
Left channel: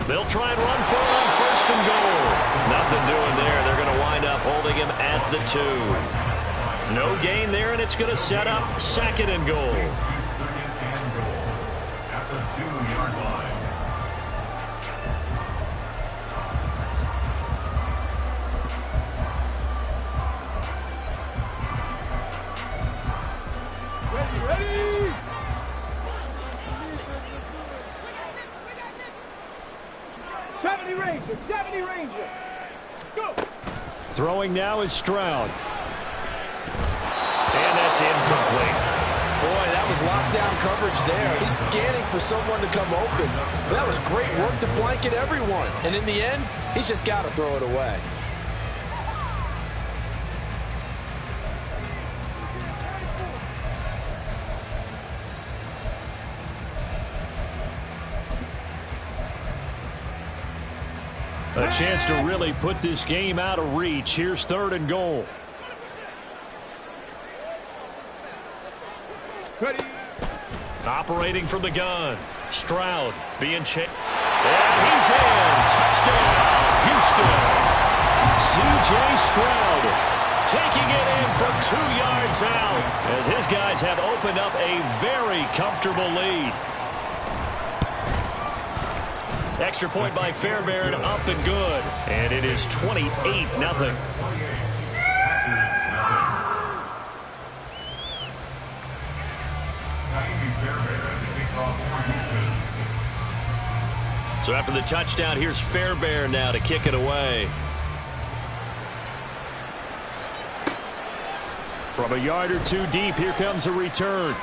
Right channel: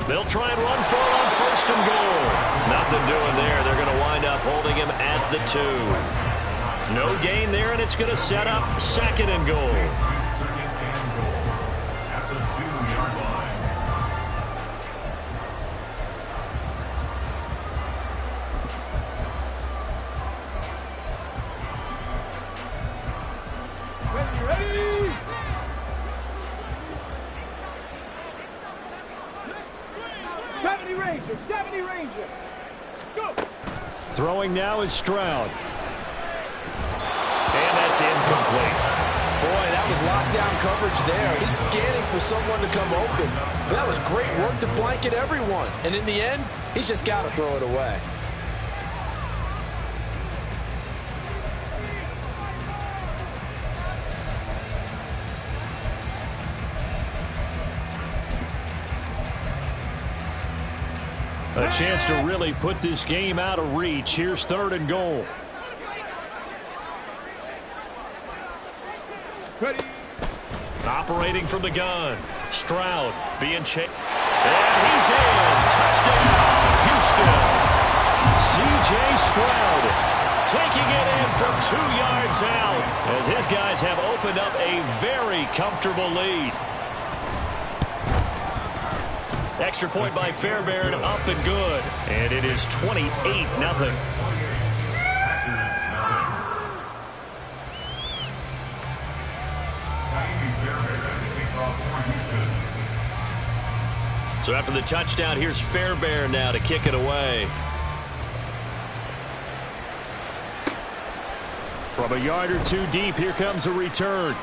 They'll try and run for it on 1st and goal. Nothing doing there. They're going to wind up holding him at the 2. No gain there, and it's going to set up 2nd and goal. At the 2-yard line. Ready. 70 Ranger. Go. Throwing now is Stroud. And that's incomplete. Boy, that was lockdown coverage there. He's scanning for someone to come open. That was great work to blanket everyone. And in the end, he's just got to throw it away. A chance to really put this game out of reach. Here's 3rd and goal. Ready. Operating from the gun. Stroud being chased. And he's in. Touchdown, Houston. C.J. Stroud Taking it in from 2 yards out as his guys have opened up a very comfortable lead. Extra point by Fairbairn, up and good. And it is 28-0. So after the touchdown, here's Fairbairn now to kick it away. From a yard or 2 deep, here comes a return.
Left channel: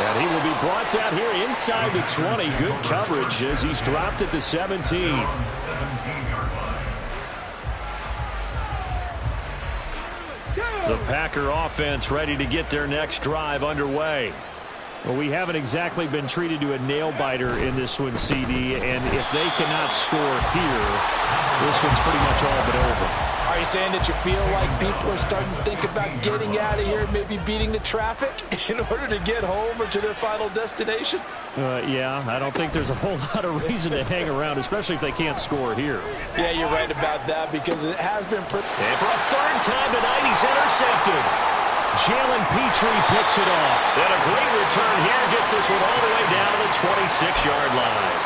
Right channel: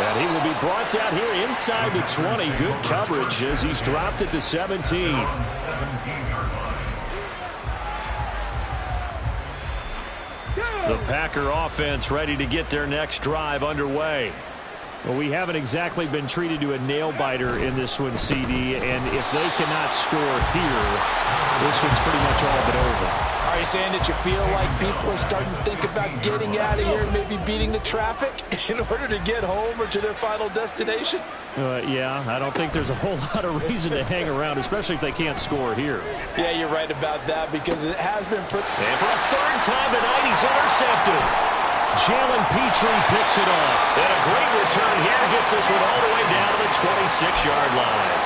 And he will be brought down here inside the 20. Good coverage as he's dropped at the 17. The Packer offense ready to get their next drive underway. Well, we haven't exactly been treated to a nail-biter in this one, CD. And if they cannot score here, this one's pretty much all but over. Are you saying that you feel like people are starting to think about getting out of here, maybe beating the traffic in order to get home or to their final destination? Yeah, I don't think there's a whole lot of reason to hang around, especially if they can't score here. Yeah, you're right about that because it has been... And for a 3rd time tonight, he's intercepted. Jalen Petrie picks it off. And a great return here gets this one all the way down to the 26-yard line.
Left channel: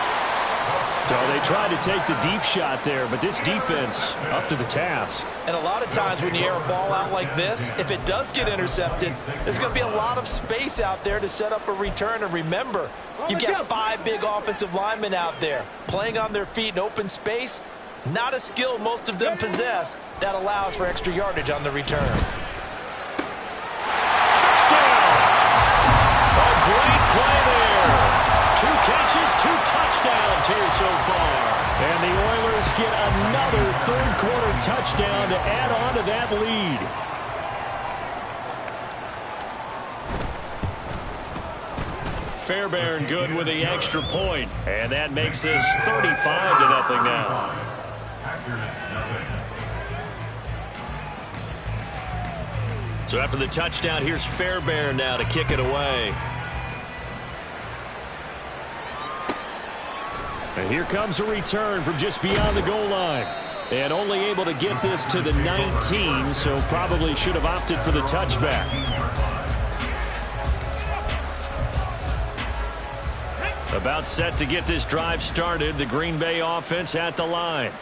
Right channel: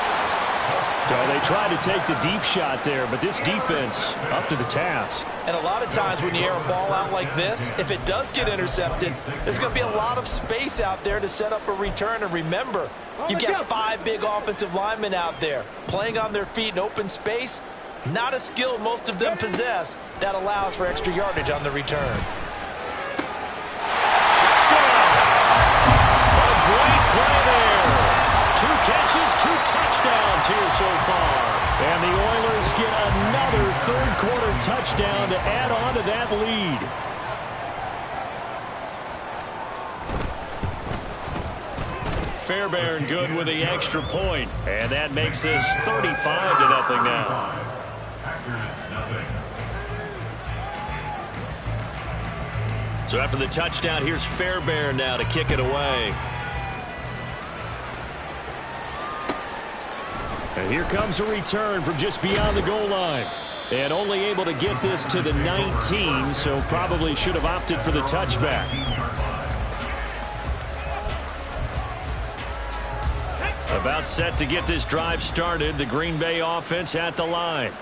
So they tried to take the deep shot there, but this defense up to the task. And a lot of times when you air a ball out like this, if it does get intercepted, there's going to be a lot of space out there to set up a return. And remember, you've got 5 big offensive linemen out there playing on their feet in open space. Not a skill most of them possess that allows for extra yardage on the return. Touchdown! A great play there. 2 catches, 2 touchdowns here so far. And the Oilers get another 3rd quarter touchdown to add on to that lead. Fairbairn good with the extra point. And that makes this 35-0 now. So after the touchdown, here's Fairbairn now to kick it away. And here comes a return from just beyond the goal line. And only able to get this to the 19, so probably should have opted for the touchback. About set to get this drive started, the Green Bay offense at the line.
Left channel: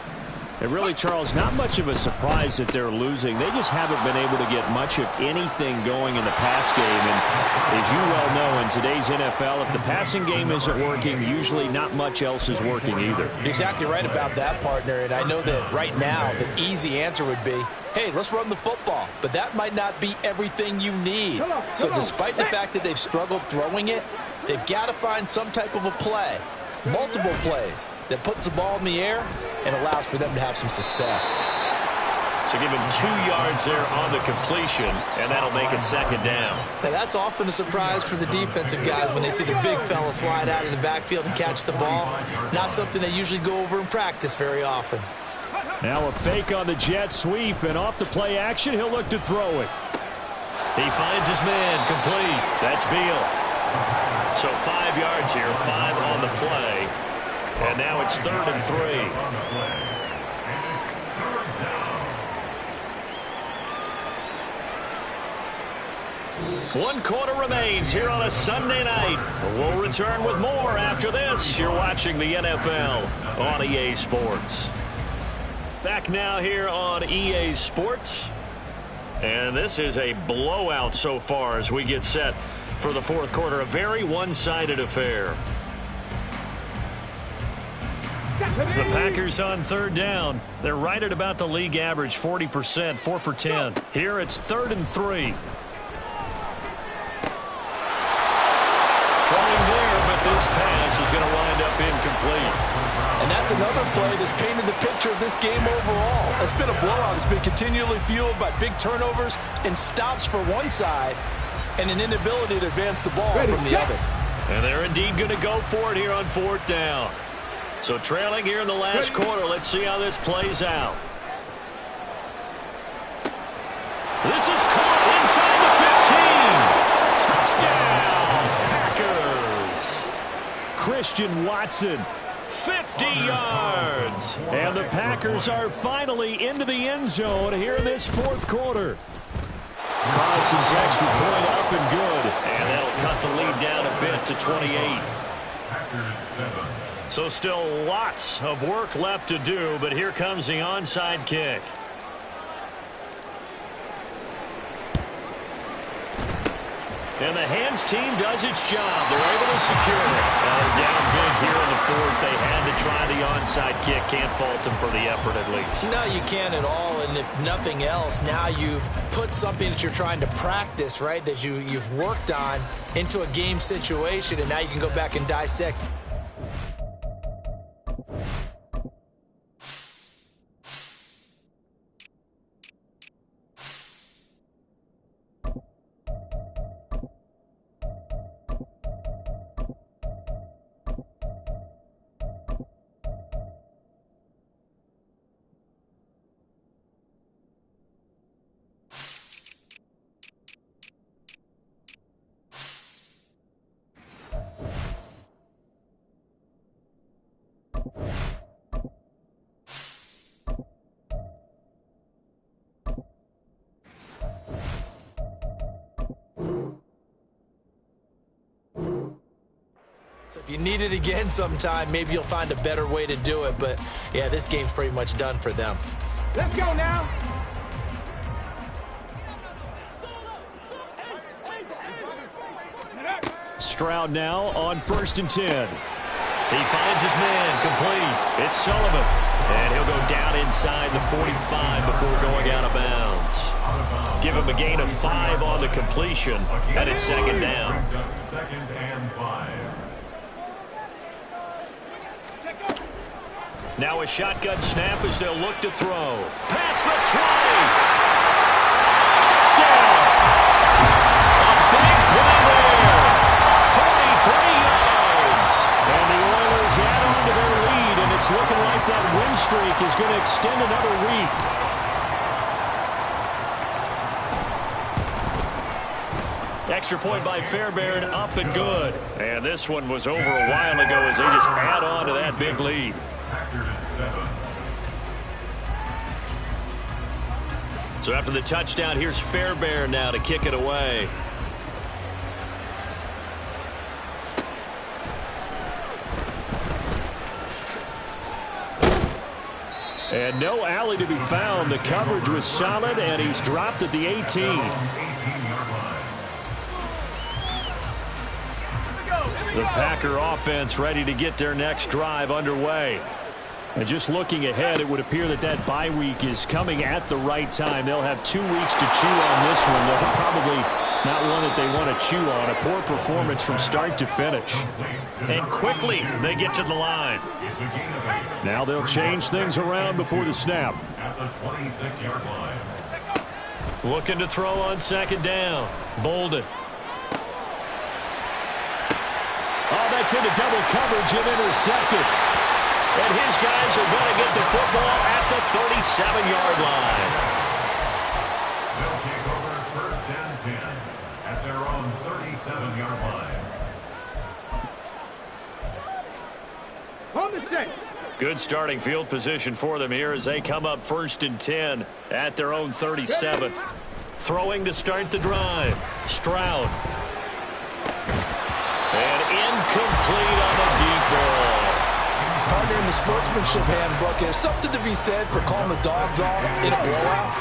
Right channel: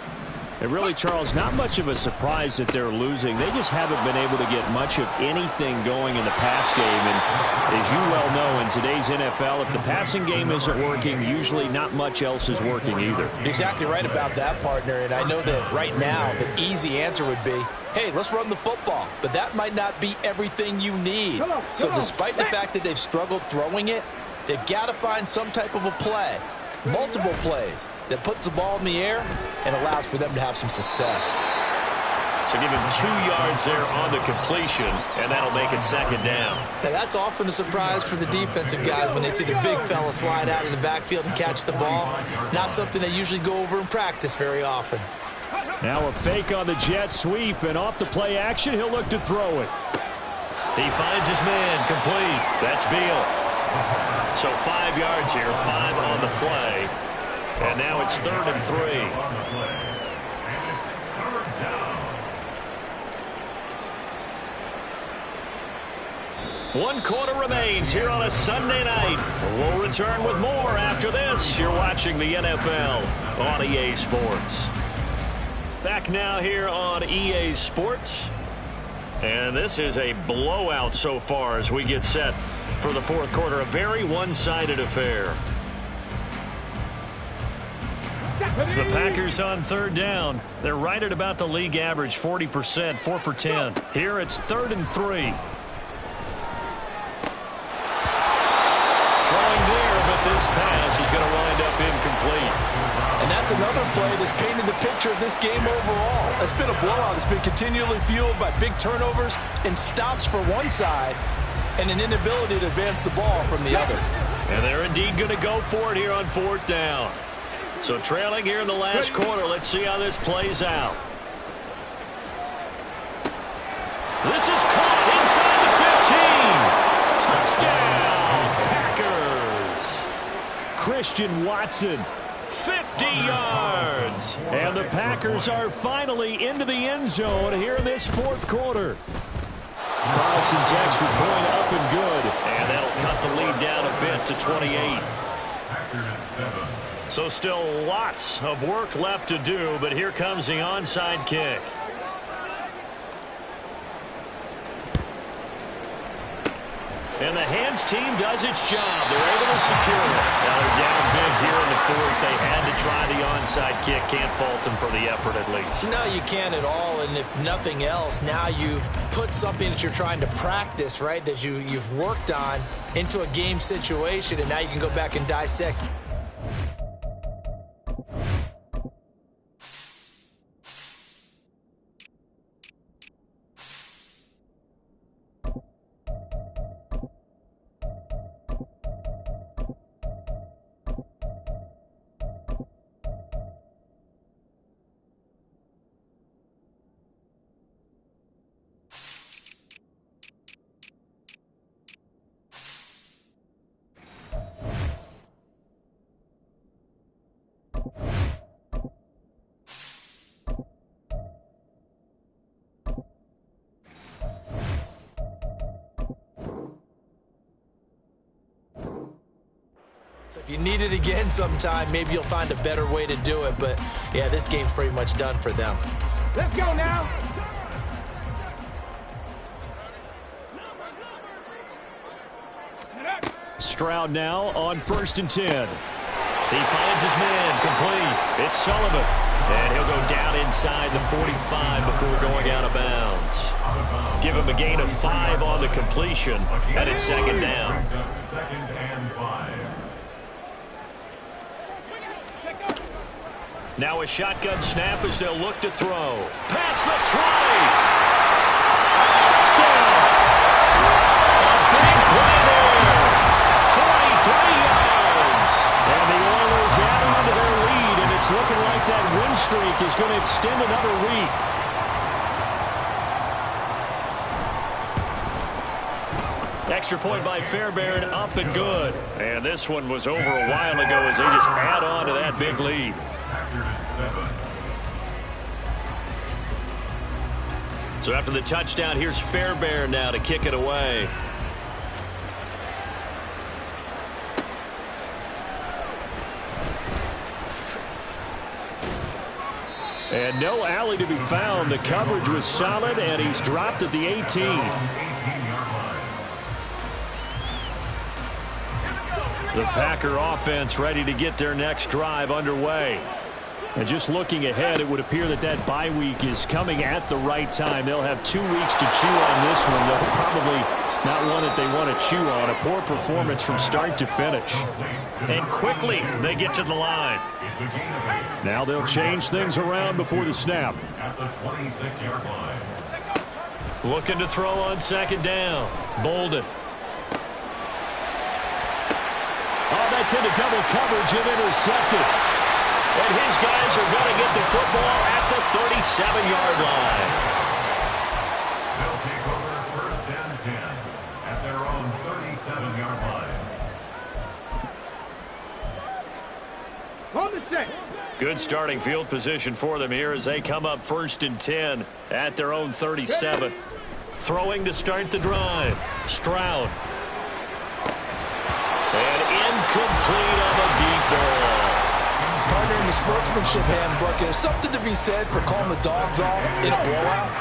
And really, Charles, not much of a surprise that they're losing. They just haven't been able to get much of anything going in the pass game. And as you well know, in today's NFL, if the passing game isn't working, usually not much else is working either. You're exactly right about that, partner. And I know that right now the easy answer would be, hey, let's run the football. But that might not be everything you need. So despite the fact that they've struggled throwing it, they've got to find some type of a play, multiple plays, that puts the ball in the air and allows for them to have some success. So give him 2 yards there on the completion, and that'll make it second down. Now that's often a surprise for the defensive guys when they see the big fella slide out of the backfield and catch the ball. Not something they usually go over in practice very often. Now a fake on the jet sweep, and off the play action, he'll look to throw it. He finds his man, complete. That's Beal. So 5 yards here, 5 on the play. And now it's 3rd and 3. One quarter remains here on a Sunday night. We'll return with more after this. You're watching the NFL on EA Sports. Back now here on EA Sports. And this is a blowout so far as we get set for the fourth quarter. A very one-sided affair. The Packers on 3rd down. They're right at about the league average, 40%, 4 for 10. Here it's 3rd and 3. Throwing there, but this pass is going to wind up incomplete. And that's another play that's painted the picture of this game overall. It's been a blowout. It's been continually fueled by big turnovers and stops for one side and an inability to advance the ball from the other. And they're indeed going to go for it here on 4th down. So trailing here in the last quarter. Let's see how this plays out. This is caught inside the 15. Touchdown, Packers. Christian Watson. 50 yards. And the Packers are finally into the end zone here in this fourth quarter. Carlson's extra point up and good. And that'll cut the lead down a bit to 28. So still lots of work left to do, but here comes the onside kick. And the hands team does its job. They're able to secure it. Now they're down big here in the fourth. They had to try the onside kick. Can't fault them for the effort at least. No, you can't at all. And if nothing else, now you've put something that you're trying to practice, right, that you've worked on into a game situation, and now you can go back and dissect. So if you need it again sometime, maybe you'll find a better way to do it. But, yeah, this game's pretty much done for them. Let's go now. Stroud now on 1st and 10. He finds his man, complete. It's Sullivan. And he'll go down inside the 45 before going out of bounds. Give him a gain of 5 on the completion, and it's 2nd down. 2nd and 5. Now a shotgun snap as they'll look to throw. Past the 20. Touchdown. A big play there. 43 yards. And the Oilers add on to their lead, and it's looking like that win streak is going to extend another week. Extra point by Fairbairn, up and good. And this one was over a while ago as they just add on to that big lead. So after the touchdown, here's Fairbairn now to kick it away. And no alley to be found. The coverage was solid, and he's dropped at the 18. The Packer offense ready to get their next drive underway. And just looking ahead, it would appear that that bye week is coming at the right time. They'll have 2 weeks to chew on this one, though probably not one that they want to chew on. A poor performance from start to finish. And quickly they get to the line. Now they'll change things around before the snap. At the 26-yard line. Looking to throw on second down. Bolden. Oh, that's into double coverage and intercepted. And his guys are going to get the football at the 37-yard line. They'll take over first and 10 at their own 37-yard line. On the set. Good starting field position for them here as they come up first and 10 at their own 37. Throwing to start the drive. Stroud. And incomplete on the deep ball. Partner, in the sportsmanship handbook, there's something to be said for calling the dogs off in a blowout.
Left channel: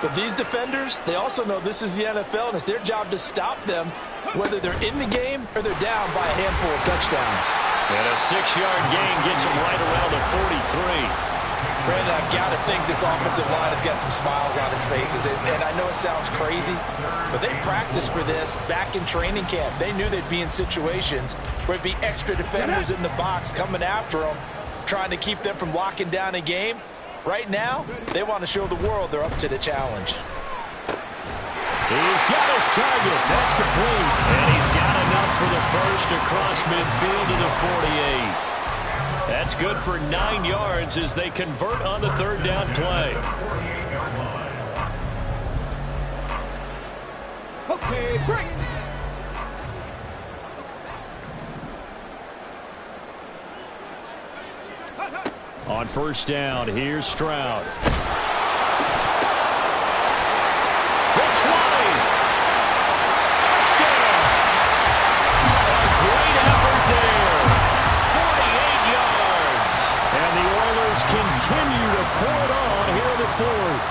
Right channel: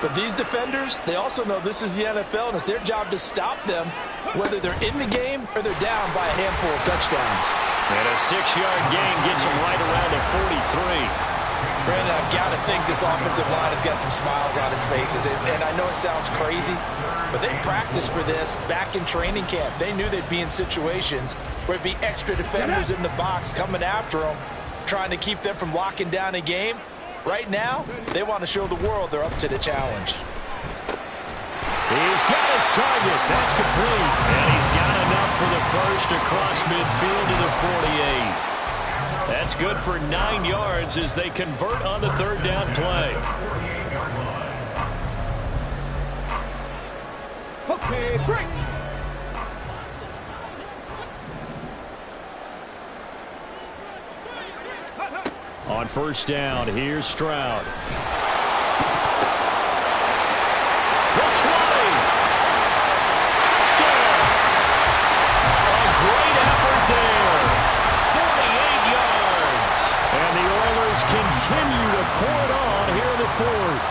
But these defenders, they also know this is the NFL, and it's their job to stop them, whether they're in the game or they're down by a handful of touchdowns. And a 6-yard gain gets them right around the 43. Brandon, I've got to think this offensive line has got some smiles on its faces. And I know it sounds crazy, but they practiced for this back in training camp. They knew they'd be in situations where it'd be extra defenders in the box coming after them, trying to keep them from locking down a game. Right now, they want to show the world they're up to the challenge. He's got his target. That's complete. And he's got enough for the first across midfield to the 48. That's good for 9 yards as they convert on the third down play. Okay, break. On first down, here's Stroud. The 20. Touchdown. A great effort there. 48 yards. And the Oilers continue to pour it on here in the fourth.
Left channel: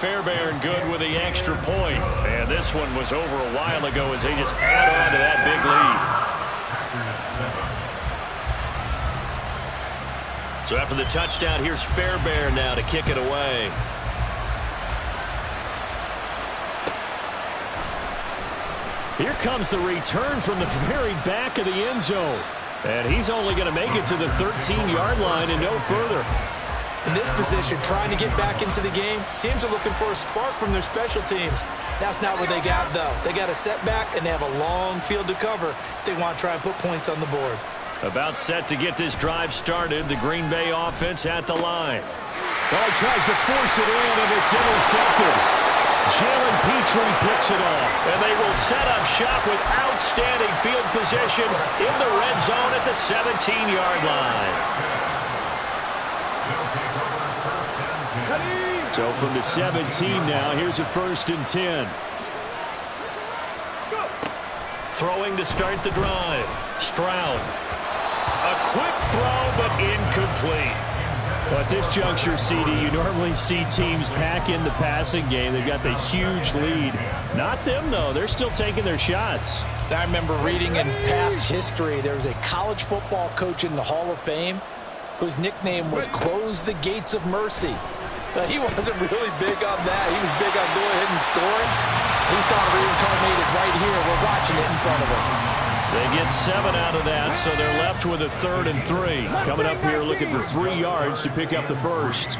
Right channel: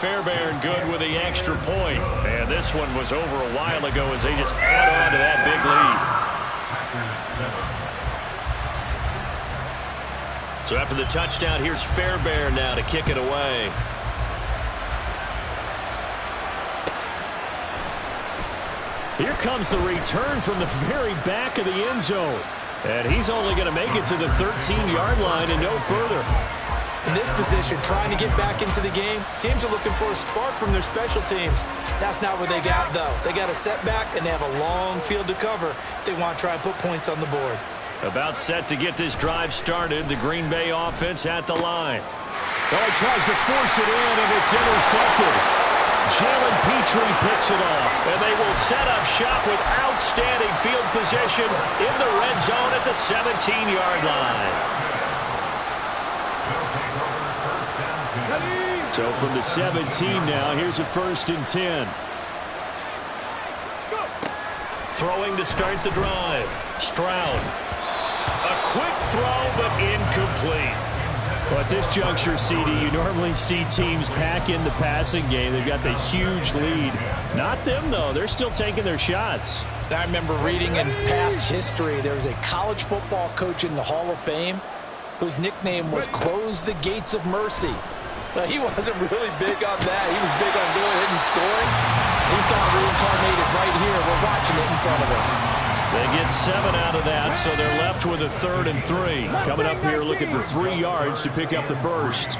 Fairbairn good with the extra point. And this one was over a while ago as they just add on to that big lead. So after the touchdown, here's Fairbairn now to kick it away. Here comes the return from the very back of the end zone. And he's only going to make it to the 13-yard line and no further. In this position, trying to get back into the game, teams are looking for a spark from their special teams. That's not what they got, though. They got a setback, and they have a long field to cover if they want to try and put points on the board. About set to get this drive started. The Green Bay offense at the line. Well, he tries to force it in, and it's intercepted. Jalen Petrie picks it off. And they will set up shop with outstanding field position in the red zone at the 17-yard line. So from the 17 now, here's a first and 10. Throwing to start the drive. Stroud. A quick throw, but incomplete. Well, at this juncture, CD, you normally see teams pack in the passing game. They've got the huge lead. Not them, though. They're still taking their shots. I remember reading in past history, there was a college football coach in the Hall of Fame whose nickname was Close the Gates of Mercy. But he wasn't really big on that. He was big on going ahead and scoring. He's kind of reincarnated right here. We're watching it in front of us. They get 7 out of that, so they're left with a 3rd and 3. Coming up here looking for 3 yards to pick up the first.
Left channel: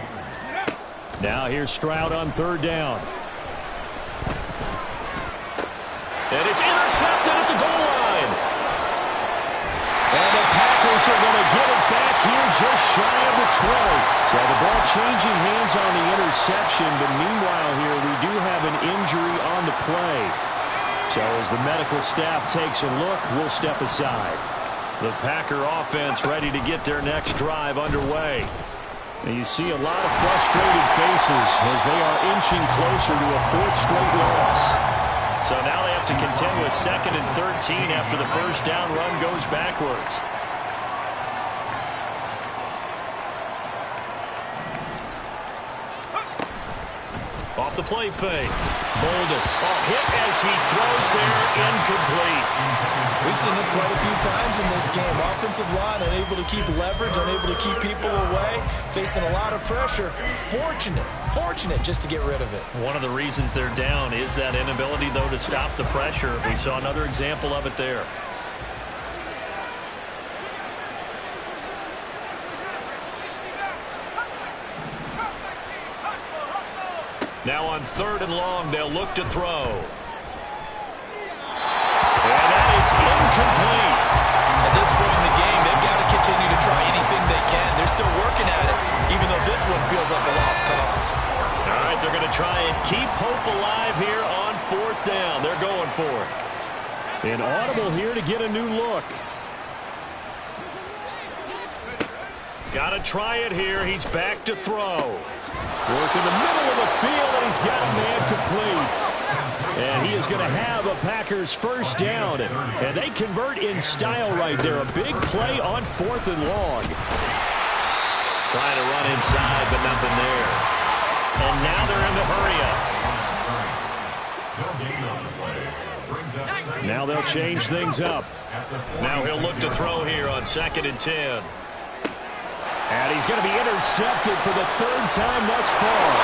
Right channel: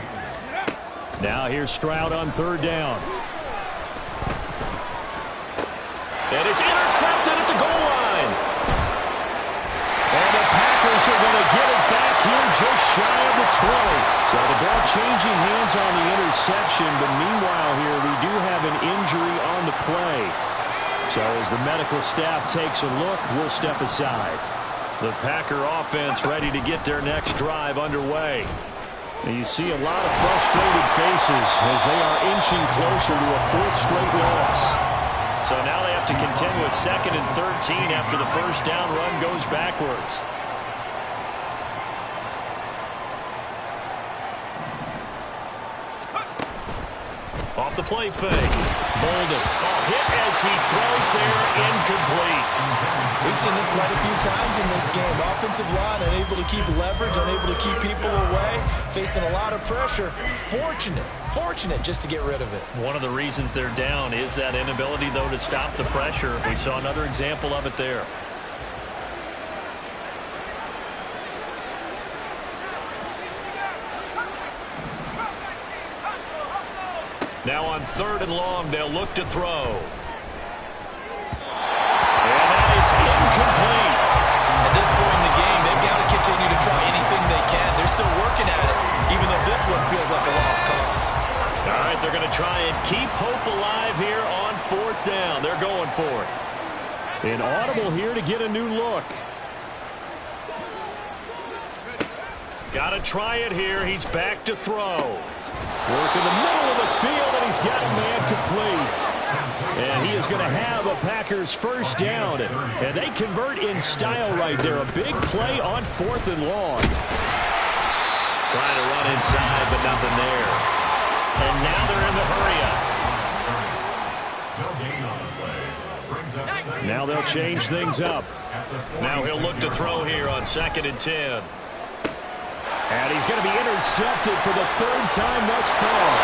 Now here's Stroud on third down. And it's intercepted at the goal line. And the Packers Packers are going to get it back here just shy of the 20. So the ball changing hands on the interception, but meanwhile here we do have an injury on the play. So as the medical staff takes a look, we'll step aside. The Packer offense ready to get their next drive underway. And you see a lot of frustrated faces as they are inching closer to a fourth straight loss. So now they have to contend with 2nd and 13 after the first down run goes backwards. Off the play fake. Bolden. Hit as he throws there, incomplete. We've seen this quite a few times in this game. Offensive line unable to keep leverage, unable to keep people away, facing a lot of pressure. Fortunate just to get rid of it. One of the reasons they're down is that inability, though, to stop the pressure. We saw another example of it there. Now on 3rd and long, they'll look to throw. And that is incomplete. At this point in the game, they've got to continue to try anything they can. They're still working at it, even though this one feels like a lost cause. All right, they're going to try and keep hope alive here on 4th down. They're going for it. An audible here to get a new look. Got to try it here. He's back to throw. Work in the middle of the field, and he's got a man complete. And he is going to have a Packers first down. And they convert in style right there. A big play on 4th and long. Trying to run inside, but nothing there. And now they're in the hurry up. Now they'll change things up. Now he'll look to throw here on 2nd and 10. And he's going to be intercepted for the 3rd time thus far.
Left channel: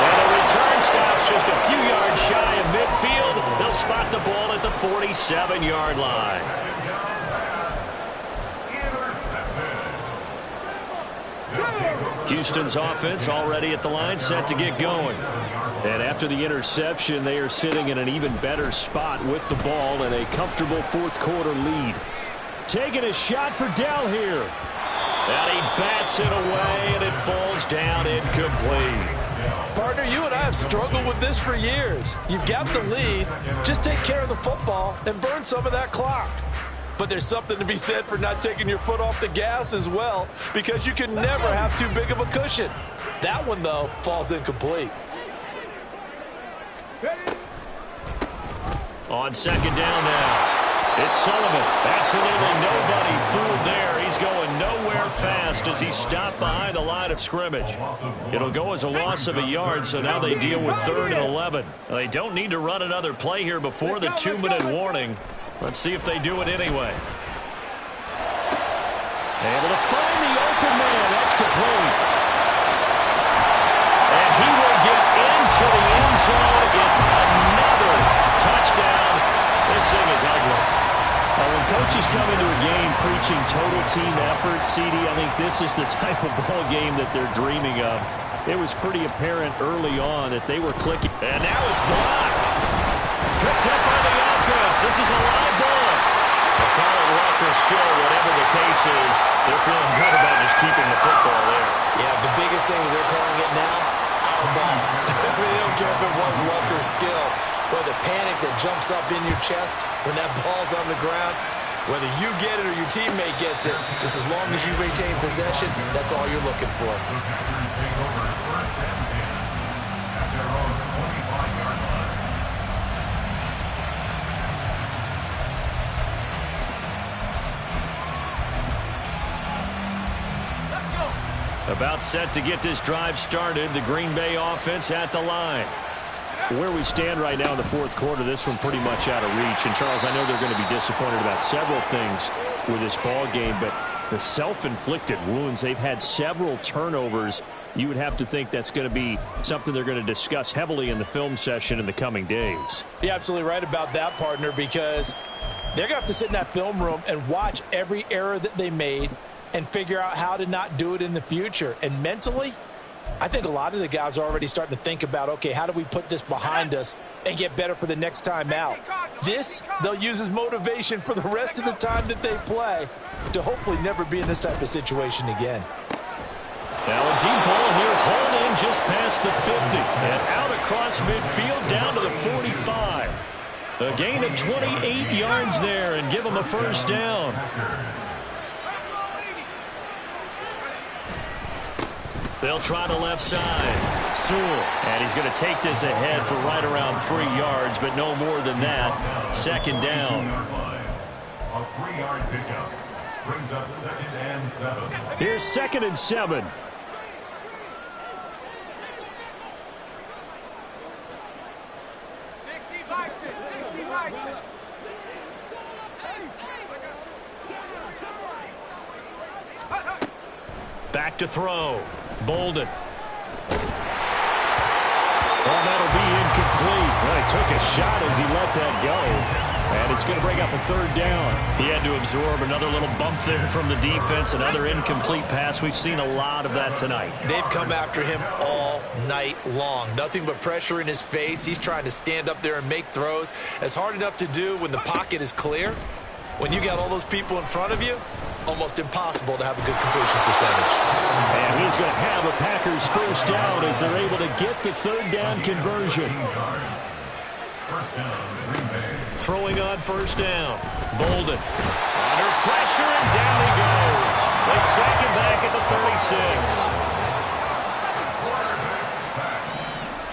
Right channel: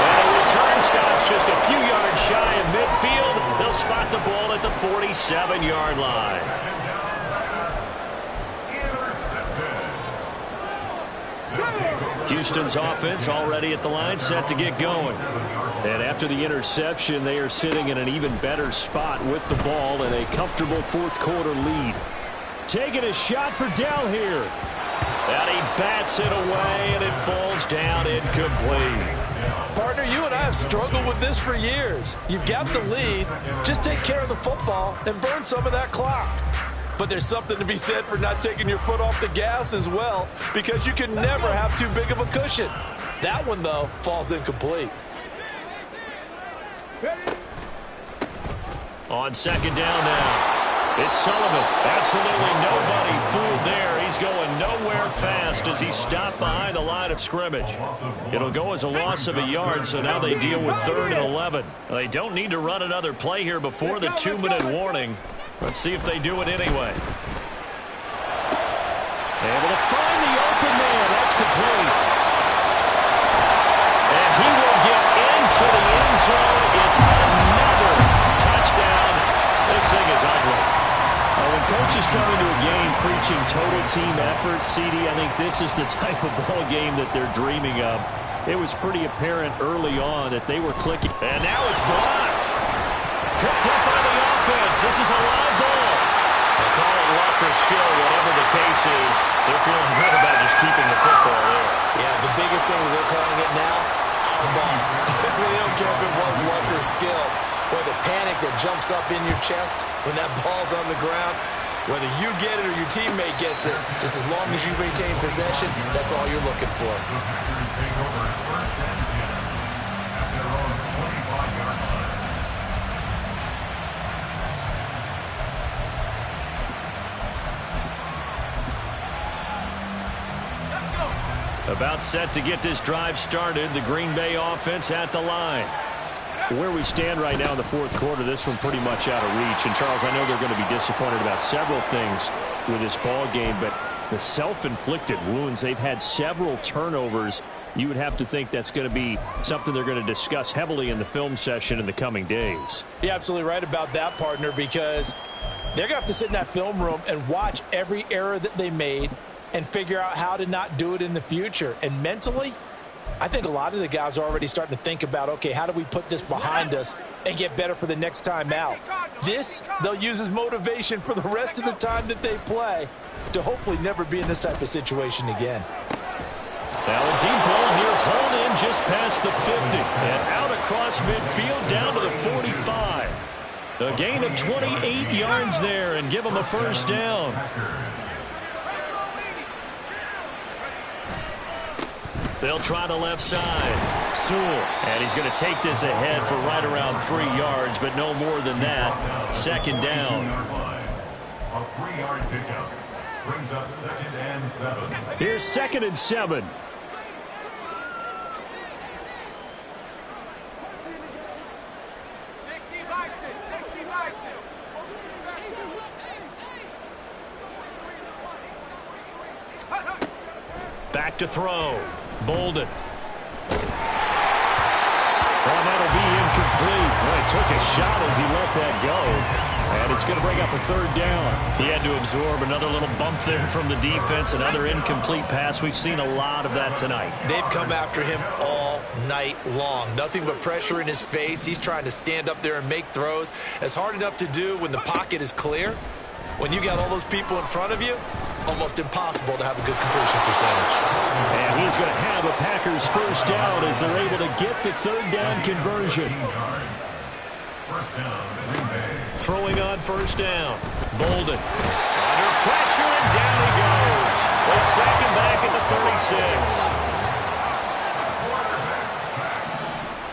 And a return stops just a few yards shy of midfield. They'll spot the ball at the 47-yard line. Houston's offense already at the line, set to get going. And after the interception, they are sitting in an even better spot with the ball and a comfortable 4th quarter lead. Taking a shot for Dell here. And he bats it away, and it falls down incomplete. Partner, you and I have struggled with this for years. You've got the lead. Just take care of the football and burn some of that clock. But there's something to be said for not taking your foot off the gas as well, because you can never have too big of a cushion. That one, though, falls incomplete. On 2nd down now. It's Sullivan. Absolutely nobody fooled there. He's going nowhere fast as he stopped behind the line of scrimmage. It'll go as a loss of a yard, so now they deal with 3rd and 11. They don't need to run another play here before the 2-minute warning. Let's see if they do it anyway. Able to find the open man. That's complete. And he will get into the end zone. It's another touchdown. This thing is ugly. When coaches come into a game preaching total team effort, CD, I think this is the type of ball game that they're dreaming of. It was pretty apparent early on that they were clicking. And now it's blocked. Picked up by the offense. This is a live ball. They'll call it luck or skill, whatever the case is. They're feeling good about just keeping the football there. Yeah, the biggest thing that they're calling it now, our ball. I mean, they don't care if it was luck or skill. Or the panic that jumps up in your chest when that ball's on the ground. Whether you get it or your teammate gets it, just as long as you maintain possession, that's all you're looking for. About set to get this drive started, the Green Bay offense at the line. Where we stand right now in the 4th quarter, this one pretty much out of reach. And, Charles, I know they're going to be disappointed about several things with this ball game, but the self-inflicted wounds, they've had several turnovers. You would have to think that's going to be something they're going to discuss heavily in the film session in the coming days. You're absolutely right about that, partner, because they're going to have to sit in that film room and watch every error that they made and figure out how to not do it in the future. And mentally, I think a lot of the guys are already starting to think about, okay, how do we put this behind us and get better for the next time out? This, they'll use as motivation for the rest of the time that they play to hopefully never be in this type of situation again. Now a deep ball here, hauled in just past the 50 and out across midfield down to the 45. A gain of 28 yards there and give them a first down. They'll try the left side. Sewell. And he's going to take this ahead for right around 3 yards, but no more than that. Second down. A 3-yard pickup brings up 2nd and 7. Here's 2nd and 7. Back to throw. Bolden. Oh, that'll be incomplete. Well, he took a shot as he let that go. And it's going to bring up a 3rd down. He had to absorb another little bump there from the defense. Another incomplete pass. We've seen a lot of that tonight. They've come after him all night long. Nothing but pressure in his face. He's trying to stand up there and make throws. It's hard enough to do when the pocket is clear. When you got all those people in front of you, almost impossible to have a good completion percentage. And he's going to have a Packers first down as they're able to get the 3rd down conversion. First down, Green Bay. Throwing on first down. Bolden. Under pressure, and down he goes. They sack him back at the 36. Quarterback sack.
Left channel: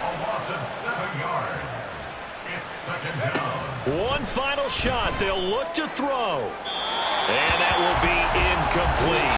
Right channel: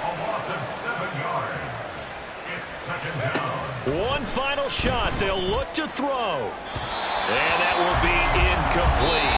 A loss of 7 yards. It's 2nd down. One final shot. They'll look to throw. And that will be incomplete.